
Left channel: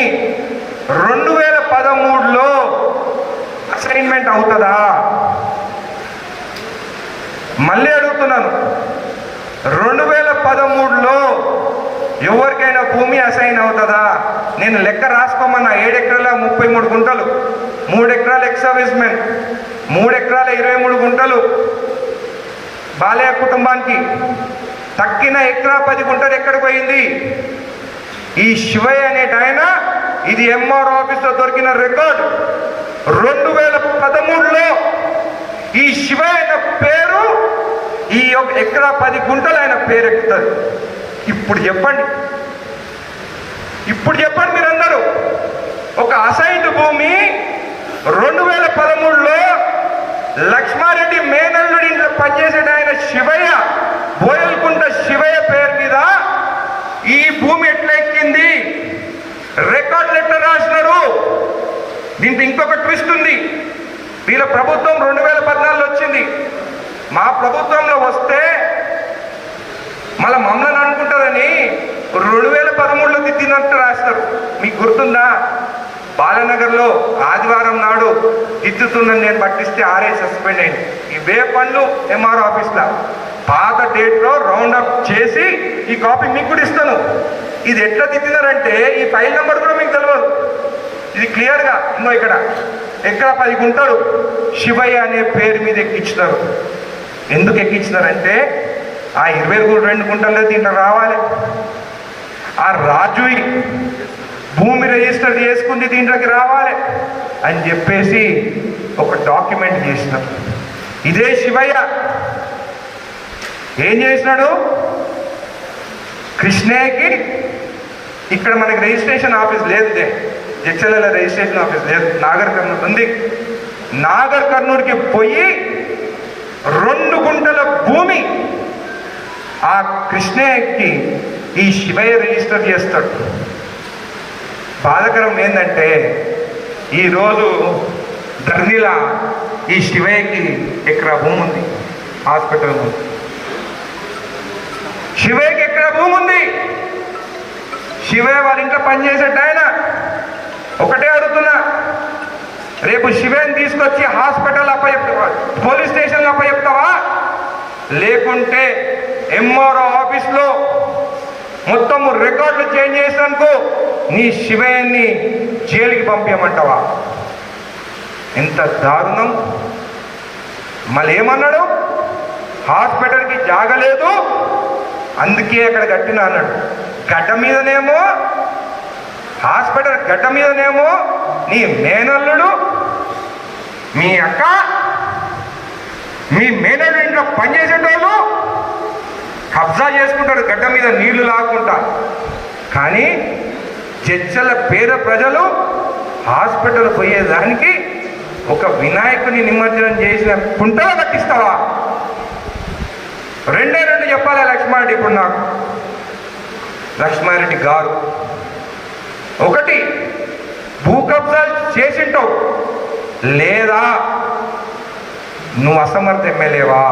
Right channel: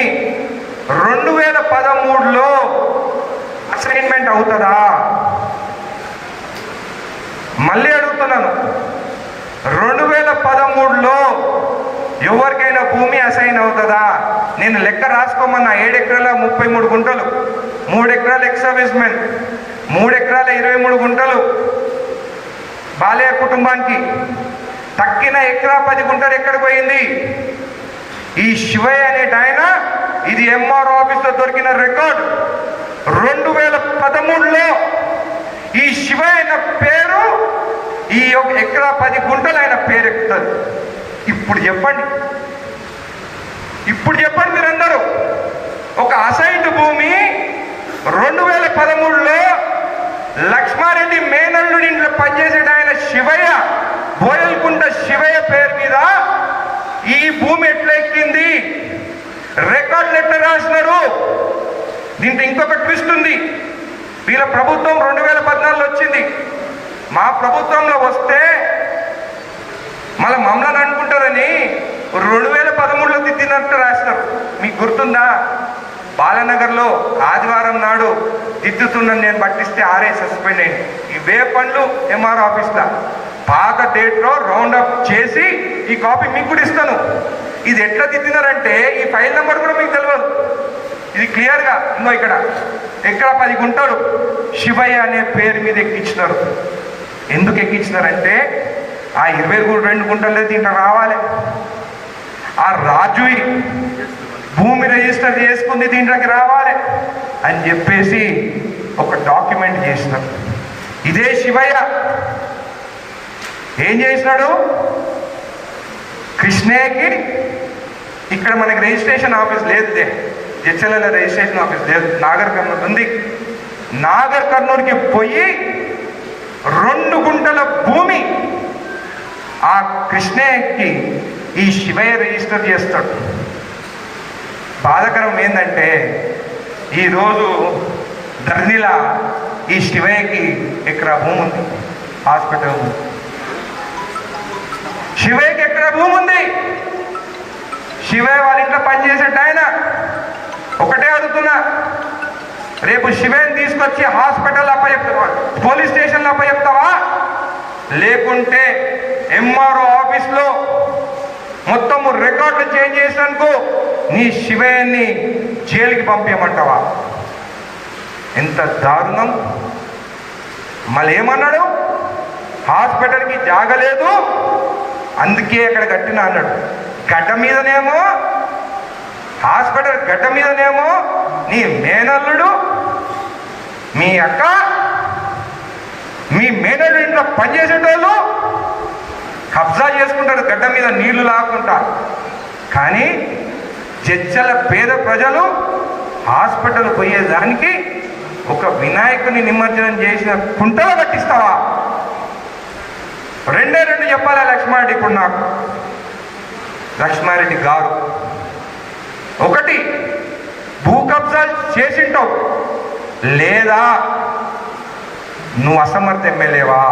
2013లో అసైన్మెంట్ అవుతుందా? మళ్ళీ అడుగుతున్నాను, 2013లో ఎవరికైనా భూమి అసైన్ అవుతుందా? నేను లెక్క రాసుకోమన్నా. 7 ఎకరాల 33 గుంటలు, 3 ఎకరాల ఎక్స్ సర్వీస్ మెన్, 3 ఎకరాల 23 గుంటలు బాలయ్య కుటుంబానికి. తక్కిన ఎకరా 10 గుంటలు ఎక్కడికి పోయింది? ఈ శివయ్య అనేట ఆయన, ఇది ఎంఆర్ ఆఫీస్లో దొరికిన రికార్డ్. 2013లో ఈ శివయ్య అయిన పేరు, ఈ ఎకరా 10 గుంటలు ఆయన పేరు ఎక్కుతారు. ఇప్పుడు చెప్పండి మీరందరూ, ఒక అసైన్డ్ భూమి 2013లో లక్ష్మారెడ్డి మేనల్లుడి ఇంట్లో పనిచేసేట ఆయన శివయ్య, బోయల్కుంట శివయ్య పేరు మీద ఈ భూమి ఎట్లా ఎక్కింది? రికార్డులు ఎట్లా రాసినారు? దీంట్లో ఇంకొక ట్విస్ట్ ఉంది. వీళ్ళ ప్రభుత్వం 2014లో వచ్చింది. మా ప్రభుత్వంలో వస్తే మళ్ళీ మమ్మల్ని అనుకుంటారని 2013లో దిద్దినట్టు రాస్తారు. మీకు గుర్తుందా? బాలనగర్లో ఆదివారం నాడు దిద్దుతుందని నేను పట్టిస్తే ఆర్ఐ సస్పెండ్ అయింది. ఇవే పనులు ఎంఆర్ ఆఫీస్లో పాత డేట్లో రౌండ్ అప్ చేసి ఈ కాపీ మీకు కూడా ఇస్తాను. ఇది ఎట్లా దిద్దినారంటే ఈ ఫైల్ నెంబర్ కూడా మీకు తెలియదు. ఇది క్లియర్గా ఉందో. ఇక్కడ 10 గుంటలు శివయ్య అనే పేరు మీద ఎక్కించినారు. ఎందుకు ఎక్కించినారంటే ఆ 22 గుంటలు దీంట్లో రావాలి. ఆ రాజు భూమి రిజిస్టర్ చేసుకుంది దీంట్లోకి రావాలి. అని చెప్పేసి ఒక డాక్యుమెంట్ చేసినాడు. ఇదే శివయ్య ఏం చేసినాడు? కృష్ణయ్యకి ఇక్కడ మనకి రిజిస్ట్రేషన్ ఆఫీస్ లేదు, జడ్చర్ల రిజిస్ట్రేషన్ ఆఫీస్ లేదు, నాగర్ కర్నూలు ఉంది. నాగర్ కర్నూలుకి పోయి 2 గుంటల భూమి ఆ కృష్ణయ్యకి ఈ శివయ్య రిజిస్టర్ చేస్తాడు. బాధకరం ఏంటంటే ఈరోజు ధర్నిలా ఈ శివయ్యకి ఎకరా భూమి ఉంది, హాస్పిటల్ ఉంది. శివయ్యకి ఎకరా భూమి ఉంది. శివయ్య వాళ్ళ ఇంట్లో పనిచేసేట ఆయన. ఒకటే అడుగుతున్నా, రేపు శివయ్యని తీసుకొచ్చి హాస్పిటల్ అప్పచెప్తావా, పోలీస్ స్టేషన్లో అప్పచెప్తావా, లేకుంటే ఎంఆర్ఓ ఆఫీస్లో మొత్తము రికార్డులు చేంజ్ చేసినందుకు నీ శివయ్యని జైలుకి పంపించమంటావా? ఎంత దారుణం! మళ్ళీ ఏమన్నాడు? హాస్పిటల్కి జాగలేదు, అందుకే అక్కడ కట్టిన అన్నాడు. గడ్డ మీదనేమో హాస్పిటల్ గడ్డ మీదనేమో నీ మేనల్లుడు, మీ అక్క, మీ మేనల్లుడు ఇంట్లో పనిచేసేటోళ్ళు కబ్జా చేసుకుంటారు గడ్డ మీద నీళ్లు లాక్కుంటా. కానీ జడ్చల పేద ప్రజలు హాస్పిటల్ పోయేదానికి ఒక వినాయకుని నిమజ్జనం చేసిన కుంటలు కట్టిస్తావా? 2 చెప్పాలి లక్ష్మారెడ్డి. ఇప్పుడు నాకు లక్ష్మారెడ్డి గారు, ఒకటి భూ కబ్జాలు చేసింటావు, లేదా నువ్వు అసమర్థ ఎమ్మెల్యేవా?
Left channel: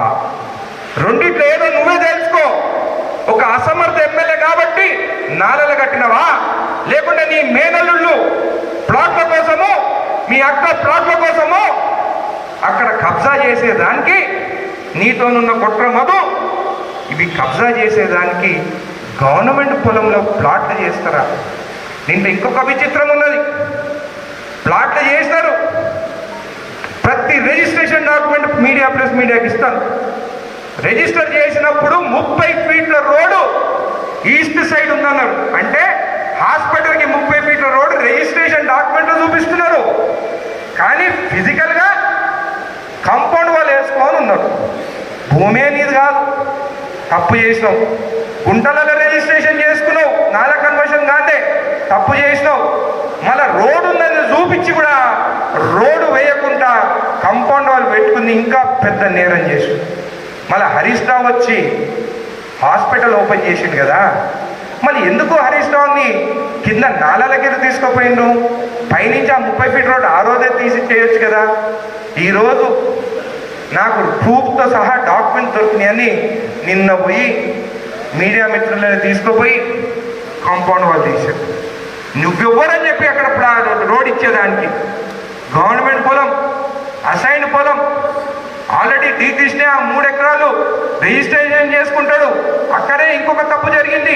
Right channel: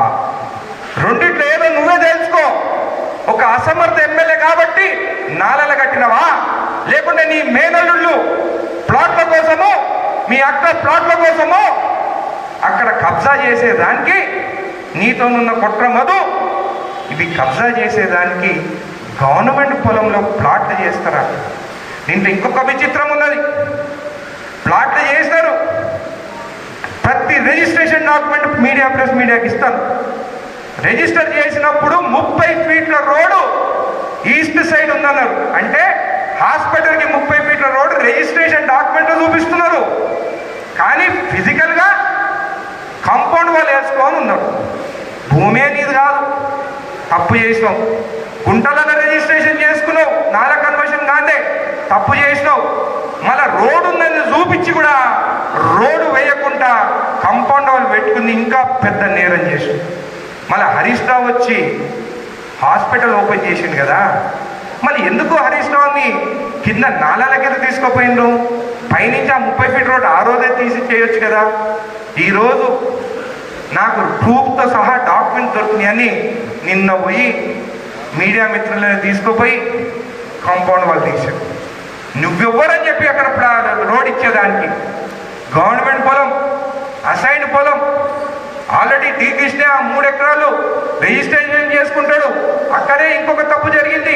రెండిట్లో ఏదో నువ్వే తెలుసుకో. ఒక అసమర్థ ఎమ్మెల్యే కాబట్టి నాలెల కట్టినవా, లేకుంటే నీ మేనల్లుళ్ళు ప్లాట్ల కోసము, మీ అక్క ప్లాట్ల కోసము అక్కడ కబ్జా చేసేదానికి నీతోనున్న కుట్ర మధు, ఇవి కబ్జా చేసేదానికి గవర్నమెంట్ పొలంలో ప్లాట్లు చేస్తారా? దీంట్లో ఇంకొక విచిత్రం ఉన్నది. ప్లాట్లు చేసినారు, ప్రతి రిజిస్ట్రేషన్ డాక్యుమెంట్ మీడియాకి ఇస్తాను. రిజిస్టర్ చేసినప్పుడు 30 ఫీట్ల రోడ్డు ఈస్ట్ సైడ్ ఉందన్నారు. అంటే హాస్పిటల్కి 30 ఫీట్ల రోడ్డు రిజిస్ట్రేషన్ డాక్యుమెంట్ చూపిస్తున్నారు. కానీ ఫిజికల్గా కాంపౌండ్ వాళ్ళు వేసుకొని ఉన్నారు. భూమి అనేది కాదు, తప్పు చేసినావు. గుంటలలో రిజిస్ట్రేషన్ చేసుకున్నావు, నాలా కన్వర్షన్ కాదే, తప్పు చేసినావు. మళ్ళా రోడ్డు ఉందని చూపించి కూడా రోడ్డు వేయకుండా కాంపౌండ్ వాళ్ళు పెట్టుకుంది ఇంకా పెద్ద నేరం చేసి. మళ్ళీ హరీష్ రావు వచ్చి హాస్పిటల్ ఓపెన్ చేసిండు కదా, మళ్ళీ ఎందుకు హరీష్ రావుని కింద నాలాలకి తీసుకుపోయిండు? పైనుంచి ఆ 30 ఫీట్ రోడ్ ఆ రోజే తీసి చేయొచ్చు కదా. ఈరోజు నాకు ప్రూఫ్తో సహా డాక్యుమెంట్ దొరికినాయని నిన్న పోయి మీడియా మిత్రులను తీసుకుపోయి కాంపౌండ్ వాళ్ళు తీశారు. నువ్వెవ్వరని చెప్పి అక్కడ రోడ్ ఇచ్చేదానికి? గవర్నమెంట్ పొలం, అసైన్ పొలం, ఆల్రెడీ టీ కృష్ణ 3 ఎకరాలు రిజిస్ట్రేషన్ చేసుకుంటాడు. అక్కడే ఇంకొక తప్పు జరిగింది.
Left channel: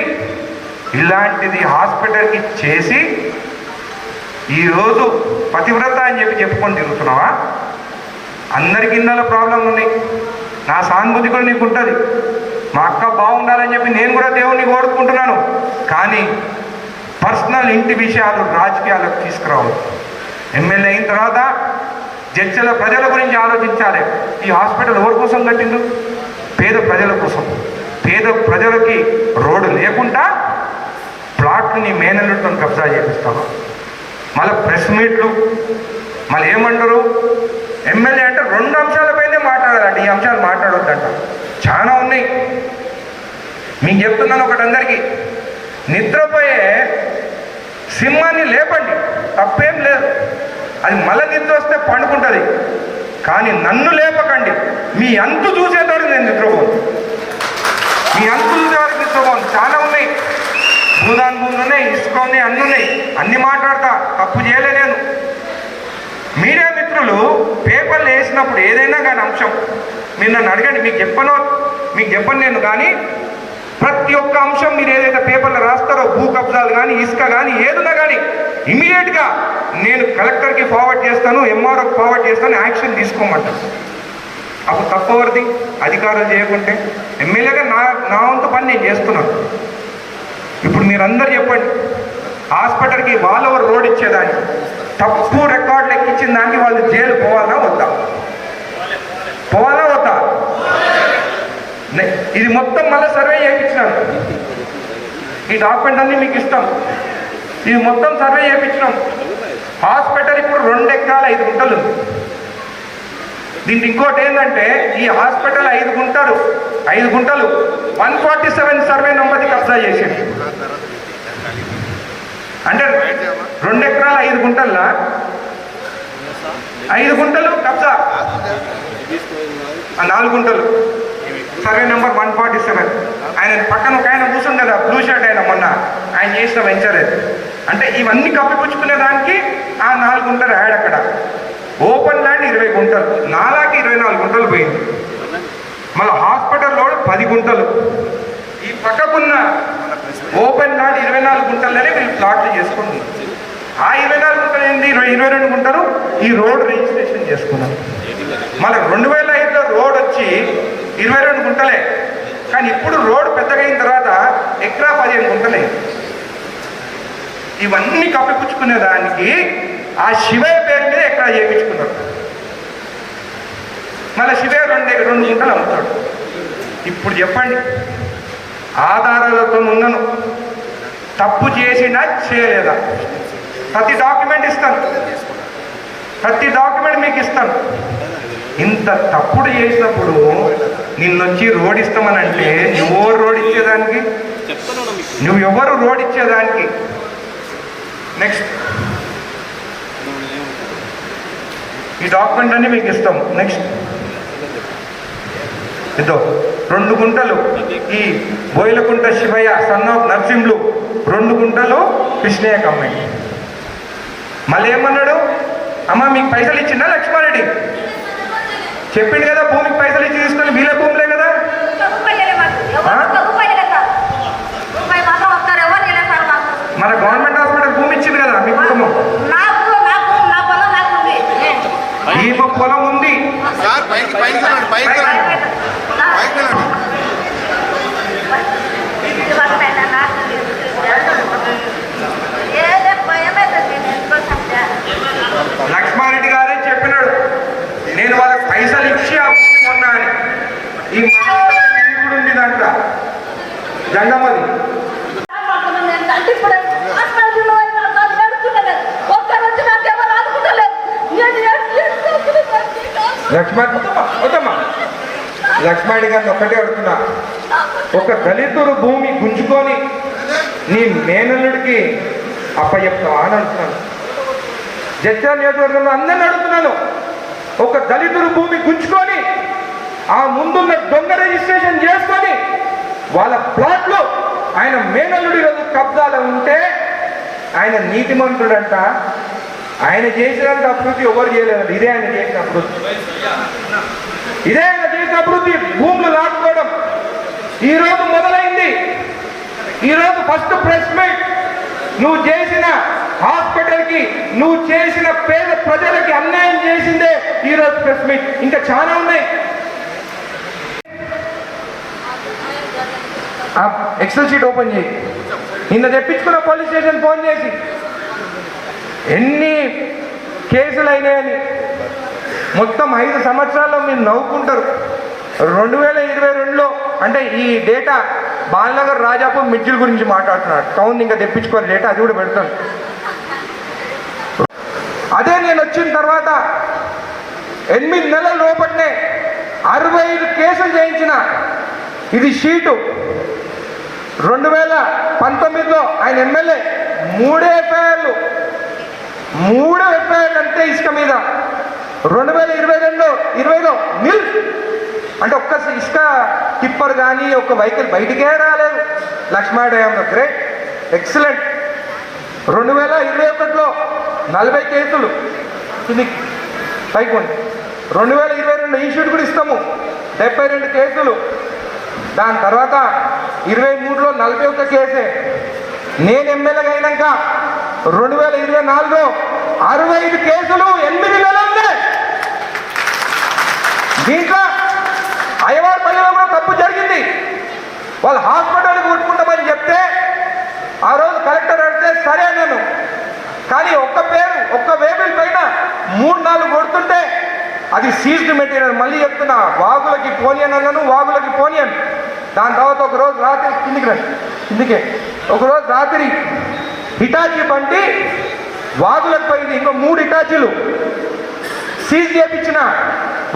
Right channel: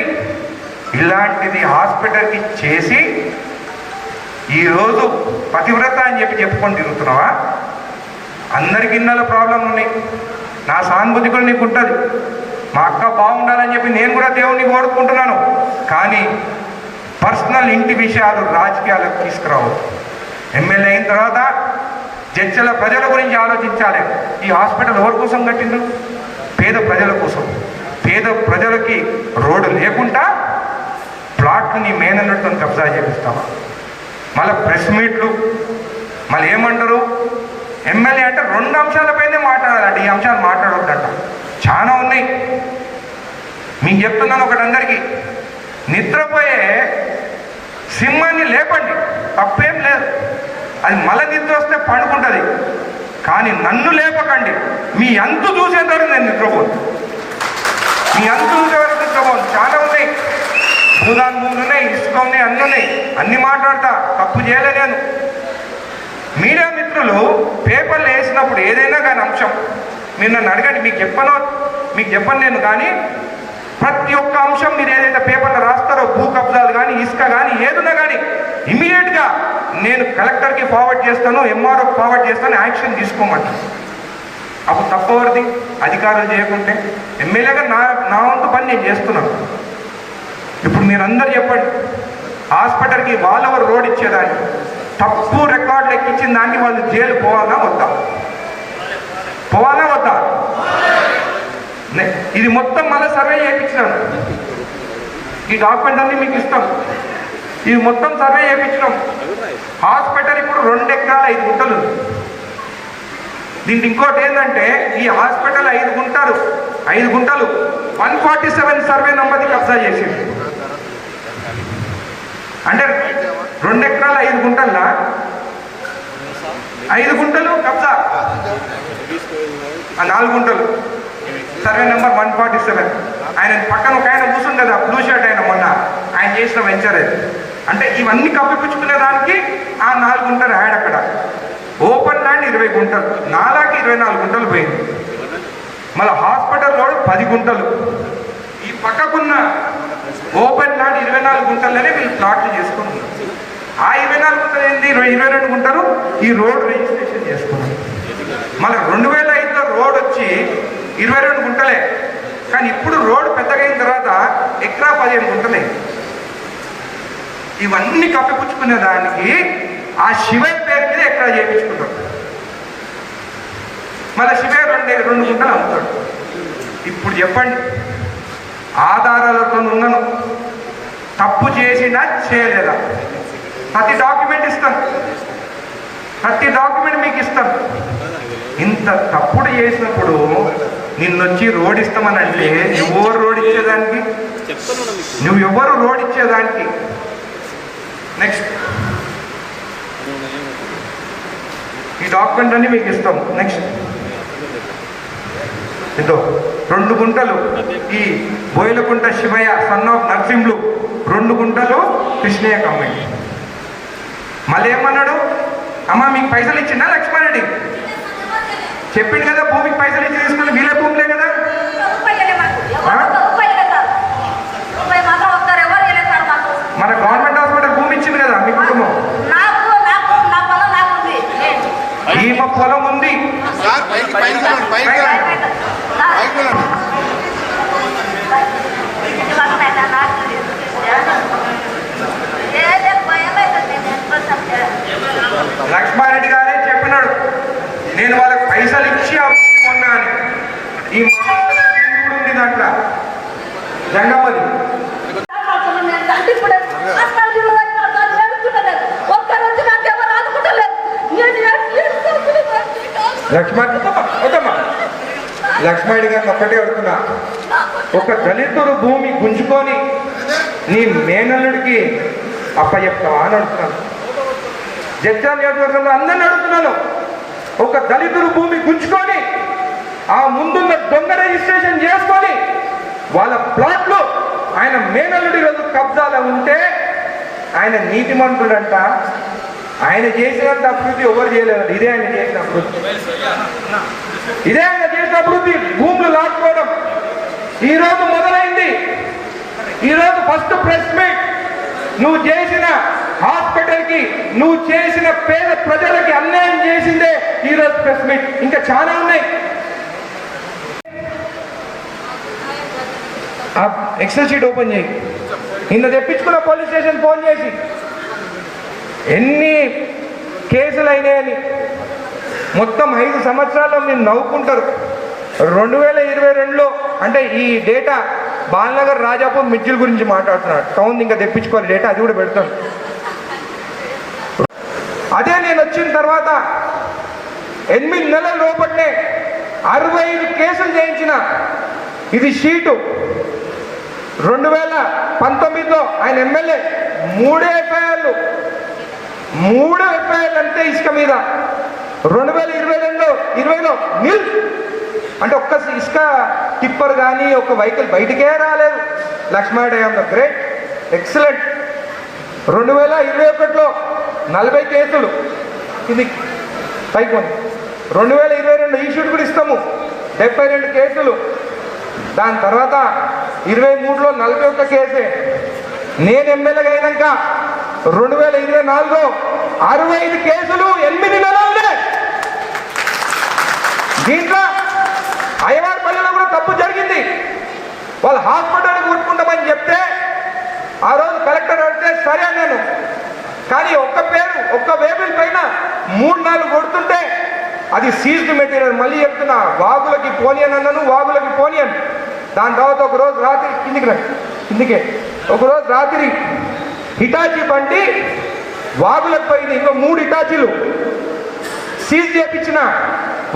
ఇలాంటిది హాస్పిటల్కి చేసి ఈరోజు పతివ్రత అని చెప్పి చెప్పుకొని తిరుగుతున్నావా? అందరికి ఇన్నల ప్రాబ్లం ఉంది. నా సానుభూతి కూడా నీకు ఉంటుంది. మా అక్క బాగుండాలని చెప్పి నేను కూడా దేవుణ్ణి కోరుకుంటున్నాను. కానీ పర్సనల్ ఇంటి విషయాలు రాజకీయాలకు తీసుకురావద్దు. ఎమ్మెల్యే అయిన తర్వాత జడ్చల ప్రజల గురించి ఆలోచించాలి. ఈ హాస్పిటల్ ఎవరి కోసం కట్టిండు? పేద ప్రజల కోసం. పేద ప్రజలకి రోడ్డు లేకుండా ప్లాట్ని మేనల్లుతో కబ్జా చేపిస్తాము. మళ్ళీ ప్రెస్ మీట్లు, మళ్ళీ ఏమంటారు? ఎమ్మెల్యే అంటే 2 అంశాలపైనే మాట్లాడాలంట, ఈ అంశాలు మాట్లాడొద్దంటారు. చాలా ఉన్నాయి. మీకు చెప్తున్నాను ఒకటి అందరికీ, నిద్రపోయే సింహాన్ని లేపండి, తప్పేం లేదు. అది మళ్ళీ నిద్ర వస్తే పండుకుంటుంది. కానీ నన్ను లేపకండి. మీ అంతు చూసేదారు నేను నిద్రపోను. మీ అంతు చూసే వరకు నిద్రపోను. చాలా ఉన్నాయి, భూదాన్ భూములు ఉన్నాయి, ఇసుక ఉన్నాయి, అన్నీ ఉన్నాయి. అన్ని మాట్లాడతా, తప్పు చేయలే నేను. మీడియా మిత్రులు పేపర్లు వేసినప్పుడు ఏదైనా కానీ అంశం మీరు నన్ను అడగండి, మీకు చెప్పను నేను. కానీ ప్రతి ఒక్క అంశం మీరు ఏదైతే పేపర్లో రాస్తారో, భూ కబ్జాలు కానీ, ఇసుక కానీ, ఏదైనా కానీ ఇమీడియట్గా నేను కలెక్టర్కి ఫార్వర్డ్ చేస్తాను, ఎంఆర్ఓకి ఫార్వర్డ్ చేస్తాను, యాక్షన్ తీసుకోమంటాను. అప్పుడు తప్పవరిది అధికారులు చేయకుంటే? ఎమ్మెల్యేగా నా వంతు పని నేను చేస్తున్నాను. ఇప్పుడు మీరందరూ చెప్పండి, హాస్పిటల్కి వాళ్ళెవరు రోడ్ ఇచ్చేదాన్ని తప్పు రికార్డులు ఎక్కించి చేసిన దానికి వాళ్ళు జైలు పోవాలా వద్దా? పోవాలా వద్దా? ఇది మొత్తం మళ్ళీ సర్వే చేయించినాను. ఈ డాక్యుమెంట్ అన్ని మీకు ఇస్తాం. ఇది మొత్తం సర్వే చేయించినాం. హాస్పిటల్ ఇప్పుడు 2 ఎకరాల 5 గుంటలు. దీనికి ఇంకోటి ఏంటంటే ఈ హాస్పిటల్ 5 గుంటలు 147 సర్వే నంబర్ని కబ్జా చేసింది. అంటే 2 ఎకరాల 5 గుంటల్లో 5 గుంటలు కబ్జా, 4 గుంటలు సర్వే నెంబర్ 147. ఆయన పక్కన ఒక ఆయన కూర్చుంది కదా, బ్లూ షర్ట్ ఆయన, మొన్న ఆయన చేసిన వెంచలేదు. అంటే ఇవన్నీ కప్పిపుచ్చుకునే దానికి ఆ 4 గుంటలు యాడ్. అక్కడ ఓపెన్ ల్యాండ్ 20 గుంటలు, నాలాకి 24 గుంటలు పోయింది. మళ్ళీ హాస్పిటల్ రోడ్ 10 గుంటలు. ఈ పక్కకున్న ఓపెన్ ల్యాండ్ 24 గుంటలనే వీళ్ళు ప్లాట్లు చేసుకుంది. ఆ 24 గుంటలు ఏంది, 22 గుంటలు ఈ రోడ్ రిజిస్ట్రేషన్ చేసుకున్నారు. మళ్ళీ 2005లో రోడ్ వచ్చి 22 గుంటలే. కానీ ఇప్పుడు రోడ్ పెద్దగా అయిన తర్వాత ఎకరా 15 గుంటలే. ఇవన్నీ కప్పిపుచ్చుకునే దానికి ఆ శివయ్య పేరు మీద ఎకరా చేయించుకున్నారు. మళ్ళీ శివయ్య 2 గుంటలు అమ్ముతాడు. ఇప్పుడు చెప్పండి, ఆధారాలతో ఉన్నాను, తప్పు చేసినా చేయలేదా? ప్రతి డాక్యుమెంట్ ఇస్తాను, ప్రతి డాక్యుమెంట్ మీకు ఇస్తాను. ఇంత తప్పుడు చేసినప్పుడు నిన్నొచ్చి రోడ్ ఇస్తామని అంటే నువ్వు రోడ్ ఇచ్చేదానికి, నువ్వెవరు రోడ్ ఇచ్చేదానికి? నెక్స్ట్ ఈ డాక్యుమెంట్ అన్ని మీకు ఇస్తాం. నెక్స్ట్ ఇదో 2 గుంటలు ఈ బోయిలకుంట శివయ్య సన్ ఆఫ్ నర్సింహులు, 2 గుంటలు కృష్ణయ్య కమ్మాయి. మళ్ళీ ఏమన్నాడు, అమ్మ మీకు పైసలు ఇచ్చిందా లక్ష్మారెడ్డి? చెప్పిండు కదా, భూమికి పైసలు ఇచ్చి తీసుకొని వీళ్ళ భూములే కదా. మన గవర్నమెంట్ హాస్పిటల్ భూమి ఇచ్చింది కదా మీ కుటుంబం. ఈమె పొలం ఉంది. లక్ష్మారెడ్డి గారే చెప్పినాడు, నేను వాళ్ళకి పైసలు ఇచ్చి ఆ భూమి కొన్నా అని. ఈ కూడా ఉంది దాంట్లో జంగమ్మది. లక్ష్మారెడ్డి గారిని ఒక్కటే అడుగుతున్నా, ఒక దళితుడు భూమి గుంజుకొని నీ మేనల్లుడికి అప్పచెప్తావా అని అడుగుతున్నాను. జడ్చర్ల నియోజకవర్గంలో అందరిని అడుగుతున్నాను, ఒక దళితుడు భూమి గుంజుకొని ఆ ముందున్న దొంగ రిజిస్ట్రేషన్ చేసుకొని వాళ్ళ ప్లాట్లు ఆయన మేనల్లుడి రోజు కబ్జాలో ఉంటే ఆయన నీతిమంతుడంట. ఆయన చేసినంత అభివృద్ధి ఎవరు చేయలేదు. ఇదే ఆయన చేసిన అభివృద్ధి, ఇదే ఆయన చేసిన అభివృద్ధి. భూములు లాక్కోవడం ఈరోజు మొదలైంది. ఈరోజు ఫస్ట్ ప్రెస్ మీట్. నువ్వు చేసిన హాస్పిటల్కి, నువ్వు చేసిన పేద ప్రజలకి అన్యాయం చేసిందే ఈరోజు ప్రెస్ మీట్. ఇంకా చాలా ఉన్నాయి. ఎక్సెల్ షీట్ ఓపెన్ చేయి. నిన్న తెప్పించుకున్న పోలీస్ స్టేషన్ ఫోన్ చేసి ఎన్ని కేసులు అయినాయని మొత్తం 5 సంవత్సరాల్లో మీరు నవ్వుకుంటారు. 2022లో అంటే ఈ డేటా బాలనగర్ రాజాపూర్ మిర్జిల్ గురించి మాట్లాడుతున్నాడు. టౌన్ ఇంకా తెప్పించుకోవాలి డేటా, అది కూడా పెడతాను. అదే నేను వచ్చిన తర్వాత 8 నెలల లోపలనే 65 కేసులు చేయించిన. ఇది షీటు. 2019లో ఆయన ఎమ్మెల్యే 3 ఎఫ్ఐఆర్లు అంటే ఇసుక మీద. 2022లో నిల్ అంటే ఒక్క ఇసుక టిప్పర్ కానీ ఒక వెహికల్ బయటికే రాలేదు. Lakshma Reddy great, excellent. 2021లో 40 కేసులు. ఇది పైకి 2022 ఈ షీట్ కూడా ఇస్తాము, 72 కేసులు. దాని తర్వాత 23లో 41 కేసే. నేను ఎమ్మెల్యేగా అయినాక 2024లో 65 కేసులు 8 నెలలు ఉన్నాయి. దీంట్లో అయ్యవారి పల్లెలో కూడా తప్పు జరిగింది. వాళ్ళు హాస్పిటల్ కొట్టుకుంటామని చెప్తే ఆ రోజు కలెక్టర్ అడిగితే సరే నేను, కానీ ఒక్క వేబుల్ పైన 3 అది సీజ్డ్ మెటీరియల్. మళ్ళీ చెప్తున్నా, వాగులకి పోనీయన్ అన్నాను, వాగులకి పోనీయన్. దాని తర్వాత ఒకరోజు రాత్రి కిందికే ఒకరోజు రాత్రి హిటాచీ బండి వాగులకు పోయింది. ఇంకో 3 హిటాచీలు సీజ్ చేయించిన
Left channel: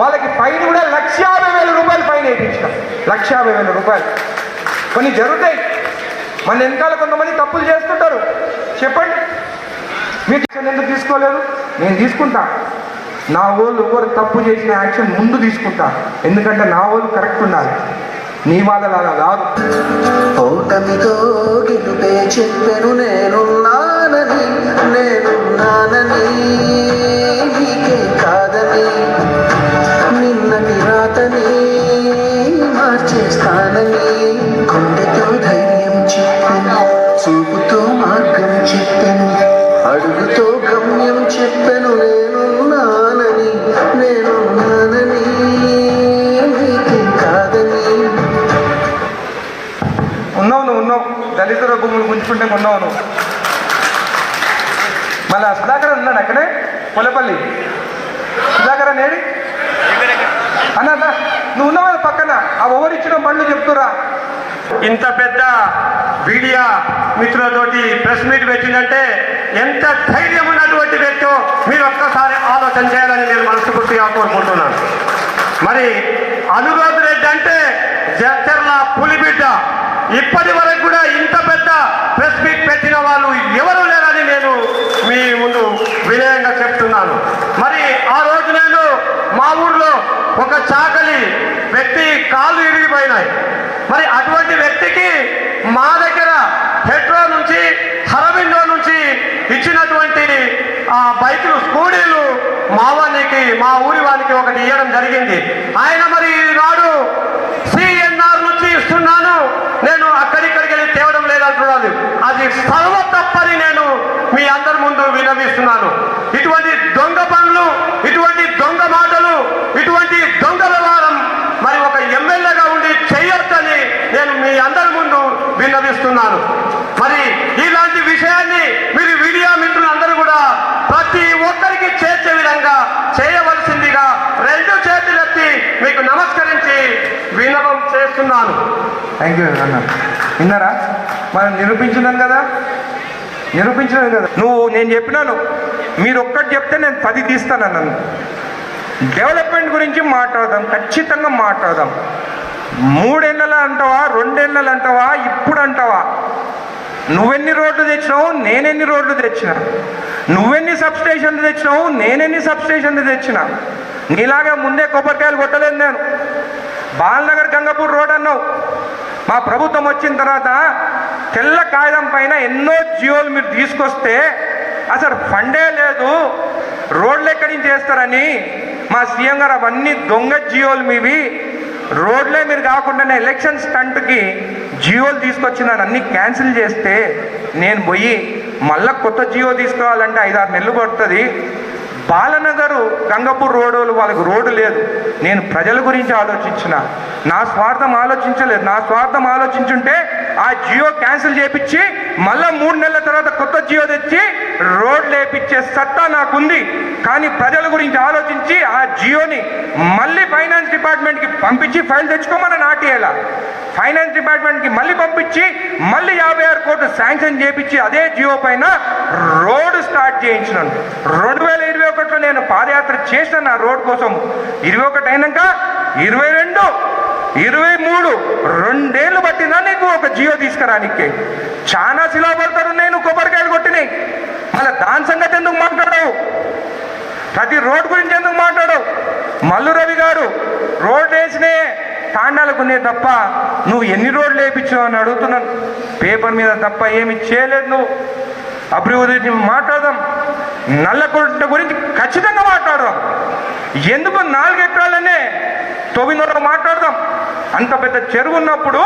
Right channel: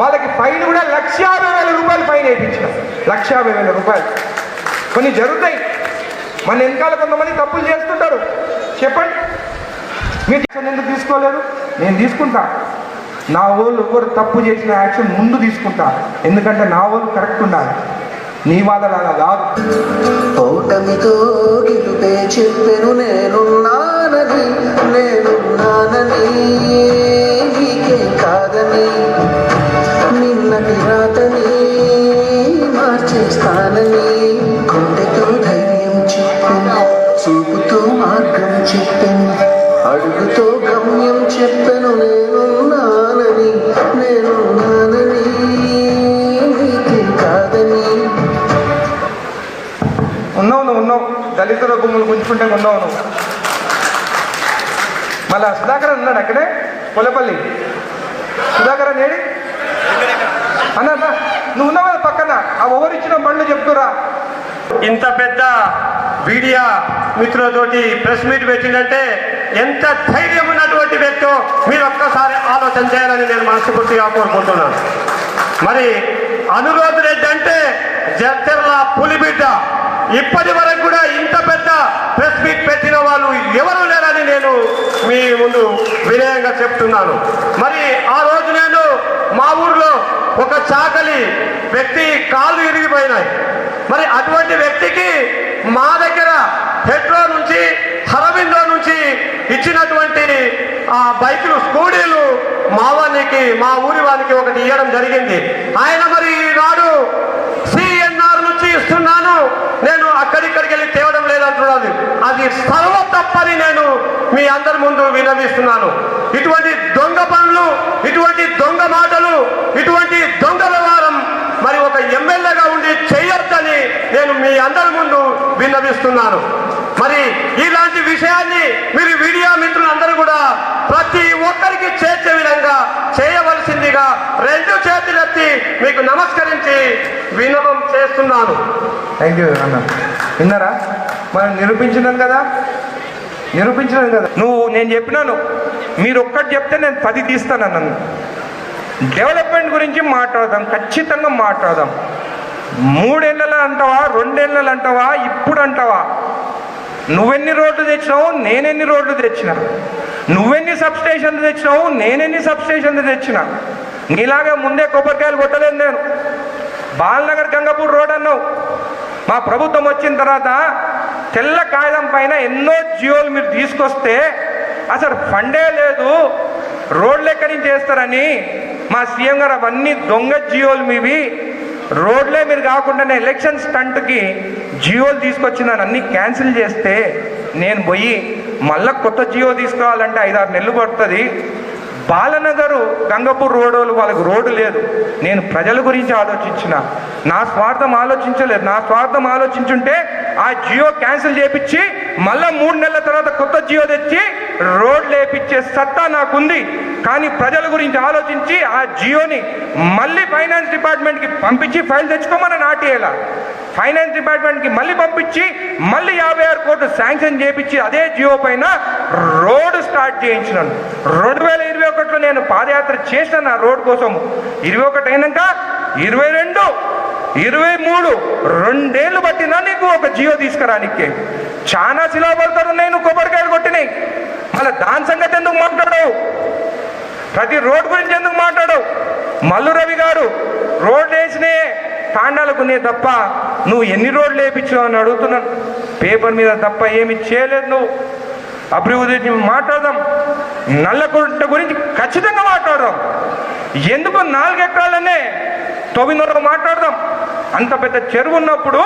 వాళ్ళకి ఫైన్ కూడా 1,50,000 రూపాయలు ఫైన్ వేయించిన. 1,50,000 రూపాయలు. కొన్ని జరుగుతాయి. మన వెనకాల కొంతమంది తప్పులు చేసుకుంటారు. చెప్పండి, మీరు ఎందుకు తీసుకోలేదు? నేను తీసుకుంటా. నా వాళ్ళు ఎవరు తప్పు చేసిన యాక్షన్ ముందు తీసుకుంటా. ఎందుకంటే నా వాళ్ళు కరెక్ట్ ఉన్నారు, నీ వాళ్ళలాగా కాదు. ఓటమితో గెలుపే చెప్పెను నేనున్నానని, నేనున్నానని, నీకే కాదని, నిన్నటి రాతని మార్చేస్తానని, గుండెతో ధైర్యం చెప్పెను, చూపుతో మార్గం చెప్పెను, అడుగుతో గమ్యం చెప్పెను. నేనున్నానని, నేనున్నానని, నీకే కాదని. ఉన్నావు దళితుల భూములు గుంజుకుంటే ఉన్నావు నువ్వు. మళ్ళీ సుధాకర్ ఉన్నాడు అక్కడే పొలపల్లి. సుధాకర్ నేడి అన్న నువ్వు ఉన్నావు పక్కన. ఆ ఓవరిచ్చిన బండ్లు చెప్తురా. ఇంత పెద్ద మీడియా మిత్రులతోటి ప్రెస్ మీట్ పెట్టిందంటే ఎంత ధైర్యం ఉన్నటువంటి వ్యక్తో మీరు ఒక్కసారి ఆలోచన చేయాలని నేను మనస్ఫూర్తిగా కోరుకుంటున్నాను. మరి అనురోధ్ రెడ్డి అంటే జడ్చర్ల పులిబిడ్డ. ఇప్పటి వరకు కూడా ఇంత పెద్ద ప్రెస్ మీట్ పెట్టిన వాళ్ళు ఎవరు లేరని నేను మీ ముందు వినయంగా చెప్తున్నాను. మరి ఆ రోజు నేను మా ఊర్లో ఒక చాకలి వ్యక్తి కాళ్ళు ఇరిగిపోయినాయి. మరి అటువంటి వ్యక్తికి మా దగ్గర హెడ్రో నుంచి హరవిందో నుంచి ఇచ్చినటువంటి ఆ బైకులు స్కూటీలు మా ఊరి వానికి ఒకటి ఇవ్వడం జరిగింది. ఆయన మరి వాడు సిఎన్ఆర్ నుంచి ఇస్తున్నాను, నేను అక్కడిక్కడికి వెళ్ళి తేవడం లేదంటున్నది. అది సర్వ తప్పని నేను మీ అందరి ముందు విన్నవిస్తున్నాను. ఇటువంటి దొంగ పనులు, ఇటువంటి దొంగ మాటలు, ఇటువంటి దొంగ వ్యవహారం మరి ఒక ఎమ్మెల్యేగా ఉండి చెయ్యొద్దని నేను మీ అందరి ముందు విన్నవిస్తున్నాను. మరి ఇలాంటి విషయాన్ని మీరు మీడియా మిత్రులందరూ కూడా ప్రతి ఒక్కరికి చేర్చే విధంగా చేయవలసిందిగా 2 చేతులెత్తి మీకు నమస్కరించి విన్నపం చేస్తున్నాను. థ్యాంక్ యూ అన్న. విన్నారా? మనం నిరూపించినాం కదా. నేను చెప్పినాను, మీరు ఒక్కటి చెప్తే నేను 10 తీస్తానన్నాను. డెవలప్మెంట్ గురించి మాట్లాడదాం, ఖచ్చితంగా మాట్లాడదాం. 3 ఏళ్ళ అంటావా, 2 ఏళ్ళు అంటావా, ఇప్పుడు అంటావా? నువ్వెన్ని రోడ్లు తెచ్చినావు, నేనెన్ని రోడ్లు తెచ్చినా? నువ్వెన్ని సబ్స్టేషన్లు తెచ్చినావు, నేనెన్ని సబ్స్టేషన్లు తెచ్చినా? నీలాగా ముందే కొబ్బరికాయలు కొట్టలేదు నేను. బాలనగర్ గంగపూర్ రోడ్ అన్నావు. మా ప్రభుత్వం వచ్చిన తర్వాత తెల్ల కాగితం పైన ఎన్నో జియోలు మీరు తీసుకొస్తే అసలు ఫండే లేదు, రోడ్లు ఎక్కడి నుంచి చేస్తారని మా సీఎం గారు అవన్నీ దొంగ జియోలు మీవి, రోడ్లే మీరు కాకుండా ఎలక్షన్ స్టంట్కి జియోలు తీసుకొచ్చినాను అన్నీ క్యాన్సిల్ చేస్తే నేను పోయి మళ్ళీ కొత్త జియో తీసుకోవాలంటే 5-6 నెలలు పడుతుంది. బాలనగరు గంగపూర్ రోడ్డు వాళ్ళకి రోడ్డు లేదు. నేను ప్రజల గురించి ఆలోచించిన, నా స్వార్థం ఆలోచించలేదు. నా స్వార్థం ఆలోచించుంటే ఆ జియో క్యాన్సిల్ చేయించి మళ్ళీ 3 నెలల తర్వాత కొత్త జియో తెచ్చి రోడ్లు వేయించే సత్తా నాకుంది. కానీ ప్రజల గురించి ఆలోచించి ఆ జియోని మళ్ళీ ఫైనాన్స్ డిపార్ట్మెంట్కి పంపించి ఫైల్ తెచ్చుకోమని నాటేయాల. ఫైనాన్స్ డిపార్ట్మెంట్కి మళ్ళీ పంపించి మళ్ళీ 56 కోట్లు శాంక్షన్ చేయించి అదే జియో పైన రోడ్డు స్టార్ట్ చేయించినాను. 2021లో నేను పాదయాత్ర చేసిన ఆ రోడ్ కోసం. 21 అయినాక 22, 23 2 ఏళ్ళు పట్టిందా నీకు ఒక జియో తీసుకురానికి? చాలా శిలా పడతారు. నేను కొబ్బరికాయలు కొట్టినాయి. మళ్ళీ దాని సంగతి ఎందుకు మాట్లాడవు? ప్రతి రోడ్ గురించి ఎందుకు మాట్లాడవు? మల్లు రవి గారు రోడ్లు వేసినే తాండాలకు ఉన్నాయి తప్ప నువ్వు ఎన్ని రోడ్లు వేయించావు అని అడుగుతున్నాను. పేపర్ మీద తప్ప ఏమి చేయలేదు నువ్వు. అభివృద్ధి మాట్లాడదాం, నల్లకుంట గురించి ఖచ్చితంగా మాట్లాడదాం. ఎందుకు 4 ఎకరాలనే తొవ్వినరకు మాట్లాడదాం. అంత పెద్ద చెరువు ఉన్నప్పుడు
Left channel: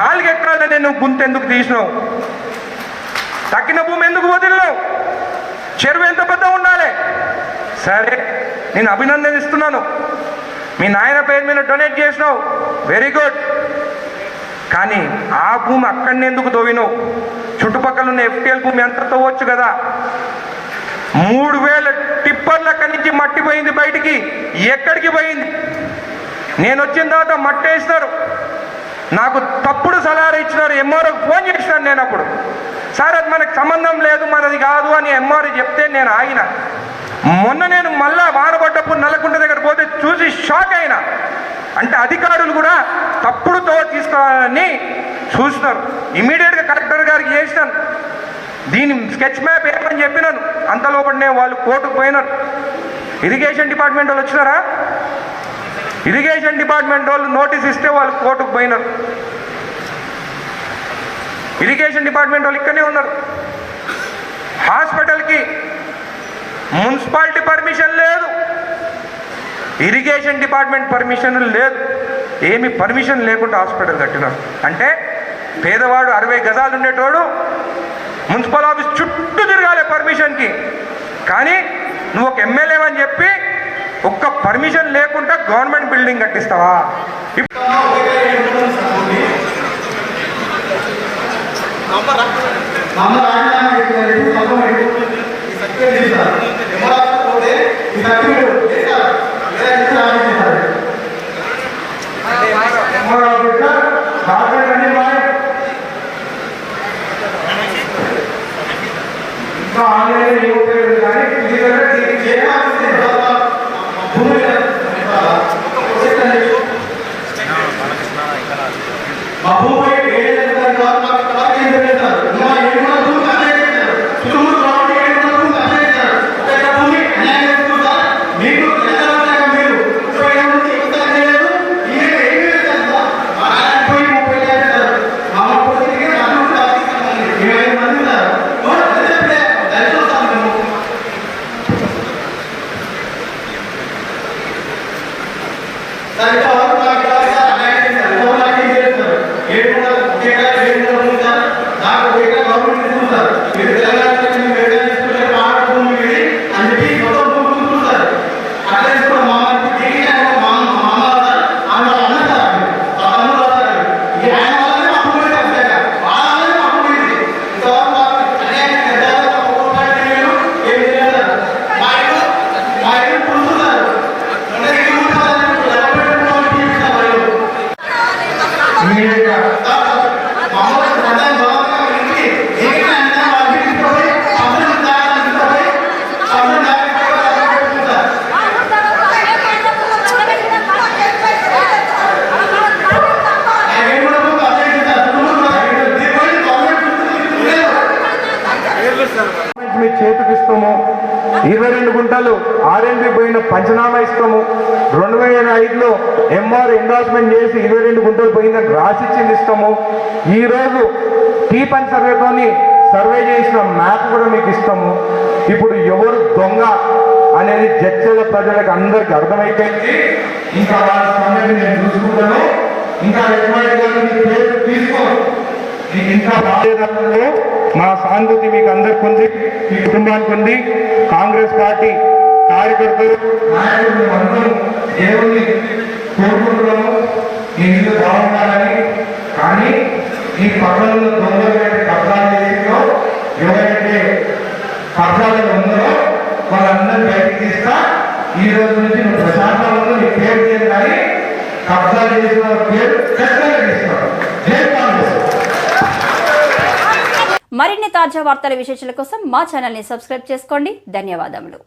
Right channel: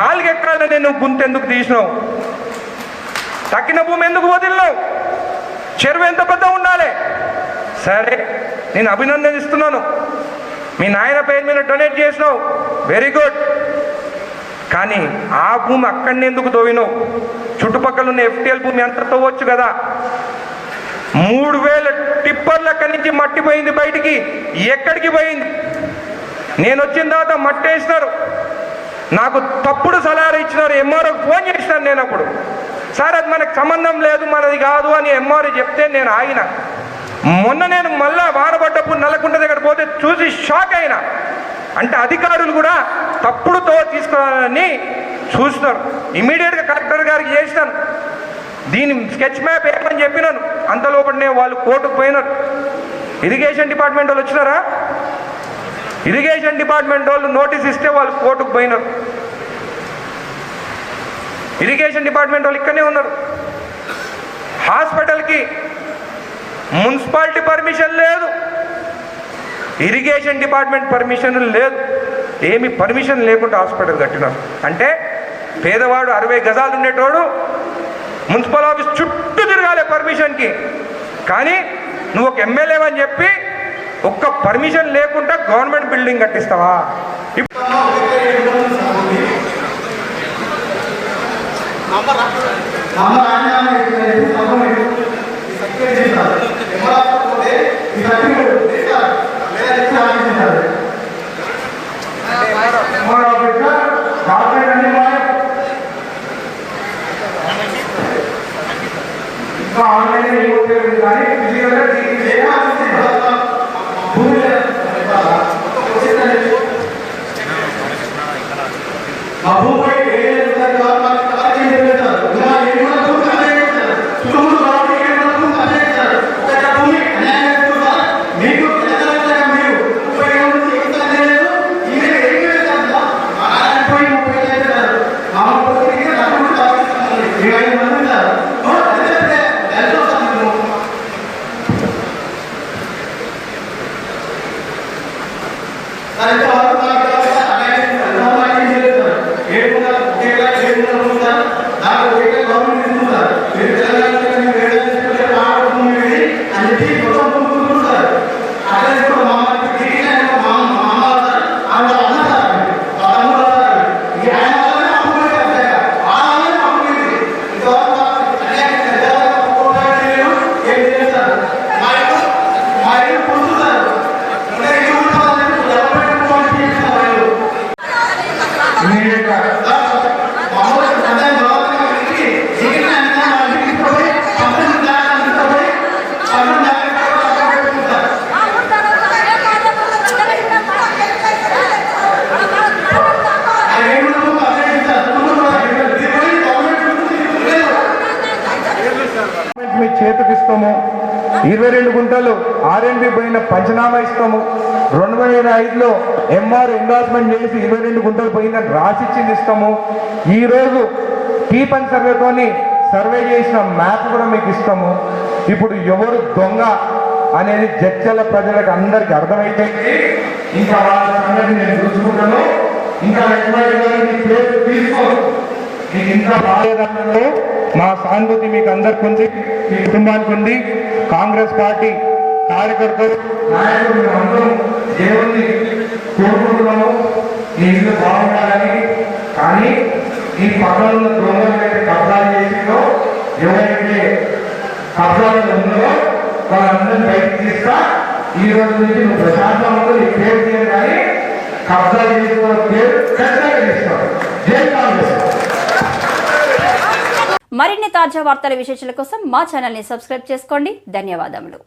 4 ఎకరాలనే నువ్వు గుంతెందుకు తీసినావు? తక్కిన భూమి ఎందుకు వదిలినావు? చెరువు ఎంత పెద్ద ఉండాలి? సరే, నేను అభినందనిస్తున్నాను. మీ నాయన పేరు మీద డొనేట్ చేసినావు, వెరీ గుడ్. కానీ ఆ భూమి అక్కడనే ఎందుకు తవ్వినావు? చుట్టుపక్కల ఉన్న FTL భూమి అంత తవ్వచ్చు కదా. 3000 టిప్పర్ల నుంచి మట్టి పోయింది బయటికి. ఎక్కడికి పోయింది? నేను వచ్చిన తర్వాత మట్టి వేసినారు, నాకు తప్పుడు సలహాలు ఇచ్చినారు. ఎంఆర్ఓకి ఫోన్ చేసినాను నేను అప్పుడు, సార్ అది మనకు సంబంధం లేదు, మనది కాదు అని ఎంఆర్ఓ చెప్తే నేను ఆగిన. మొన్న నేను మళ్ళా వానబడ్డప్పుడు నల్లకుంట దగ్గర పోతే చూసి షాక్ అయినా. అంటే అధికారులు కూడా తప్పుడుతో తీసుకోవాలని చూస్తున్నారు. ఇమీడియట్గా కలెక్టర్ గారికి చేసినాను, దీని స్కెచ్ మ్యాప్ వేయమని చెప్పినాను. అంతలోపలనే వాళ్ళు కోర్టుకు పోయినారు. ఇరిగేషన్ డిపార్ట్మెంట్ వాళ్ళు వచ్చినారా? ఇరిగేషన్ డిపార్ట్మెంట్ వాళ్ళు నోటీస్ ఇస్తే వాళ్ళు కోర్టుకు పోయినారు. ఇరిగేషన్ డిపార్ట్మెంట్ వాళ్ళు ఇక్కడనే ఉన్నారు. హాస్పిటల్కి మున్సిపాలిటీ పర్మిషన్ లేదు, ఇరిగేషన్ డిపార్ట్మెంట్ పర్మిషన్ లేదు. ఏమి పర్మిషన్ లేకుండా హాస్పిటల్ కట్టినారు. అంటే పేదవాడు 60 గజాలు ఉండేటోడు మున్సిపల్ ఆఫీస్ చుట్టూ తిరగాలి పర్మిషన్కి. కానీ నువ్వు ఒక ఎమ్మెల్యే అని చెప్పి ఒక్క పర్మిషన్ లేకుండా గవర్నమెంట్ బిల్డింగ్ కట్టిస్తావా? మీ చేతికి ఇస్తాము. 22 గుంటలు ఆర్ఎండ్బి పోయిన పంచనామా ఇస్తాము. 2005లో ఎంఆర్ ఎండార్స్మెంట్ చేసి 22 గుంటలు పోయిందని రాసిచ్చింది ఇస్తాము. ఈరోజు టీపన్ సర్వేతోని సర్వే చేసిన మ్యాప్ కూడా మీకు ఇస్తాము. ఇప్పుడు ఎవరు దొంగ అనేది జడ్చల ప్రజలకు అందరికి అర్థమైతే ఇంకా వాళ్ళ సంగతి నేను చూసుకుంటాను. ఇంకా పేరు తీసుకో, మీకు ఇంకా బాధ్యతలో మా సానుభూతి మీకు అందరికి ఉంది, మీ కుటుంబానికి ఉంది. కాంగ్రెస్ పార్టీ కార్యకర్తలు నాయకులు అందరూ దేవుని కోరుకుంటున్నాము ఈ ఇల్లు బాగుండాలని. కానీ ఈ పట్టణంలో దొంగలు కబ్జా చేసిందో ఎవరైతే కబ్జాలు ఉందో వాళ్ళందరూ బయటకు తీస్తా. ఈ రోజు నుంచి నువ్వు ప్రశాంతంలో నీ పేరు లేదు, కానీ కబ్జా చేసిన పేరు పెద్దగా తీస్తావు. జై కాంగ్రెస్. మరిన్ని తాజా వార్తల విశేషాల కోసం మా ఛానల్ని సబ్స్క్రైబ్ చేసుకోండి. ధన్యవాదములు.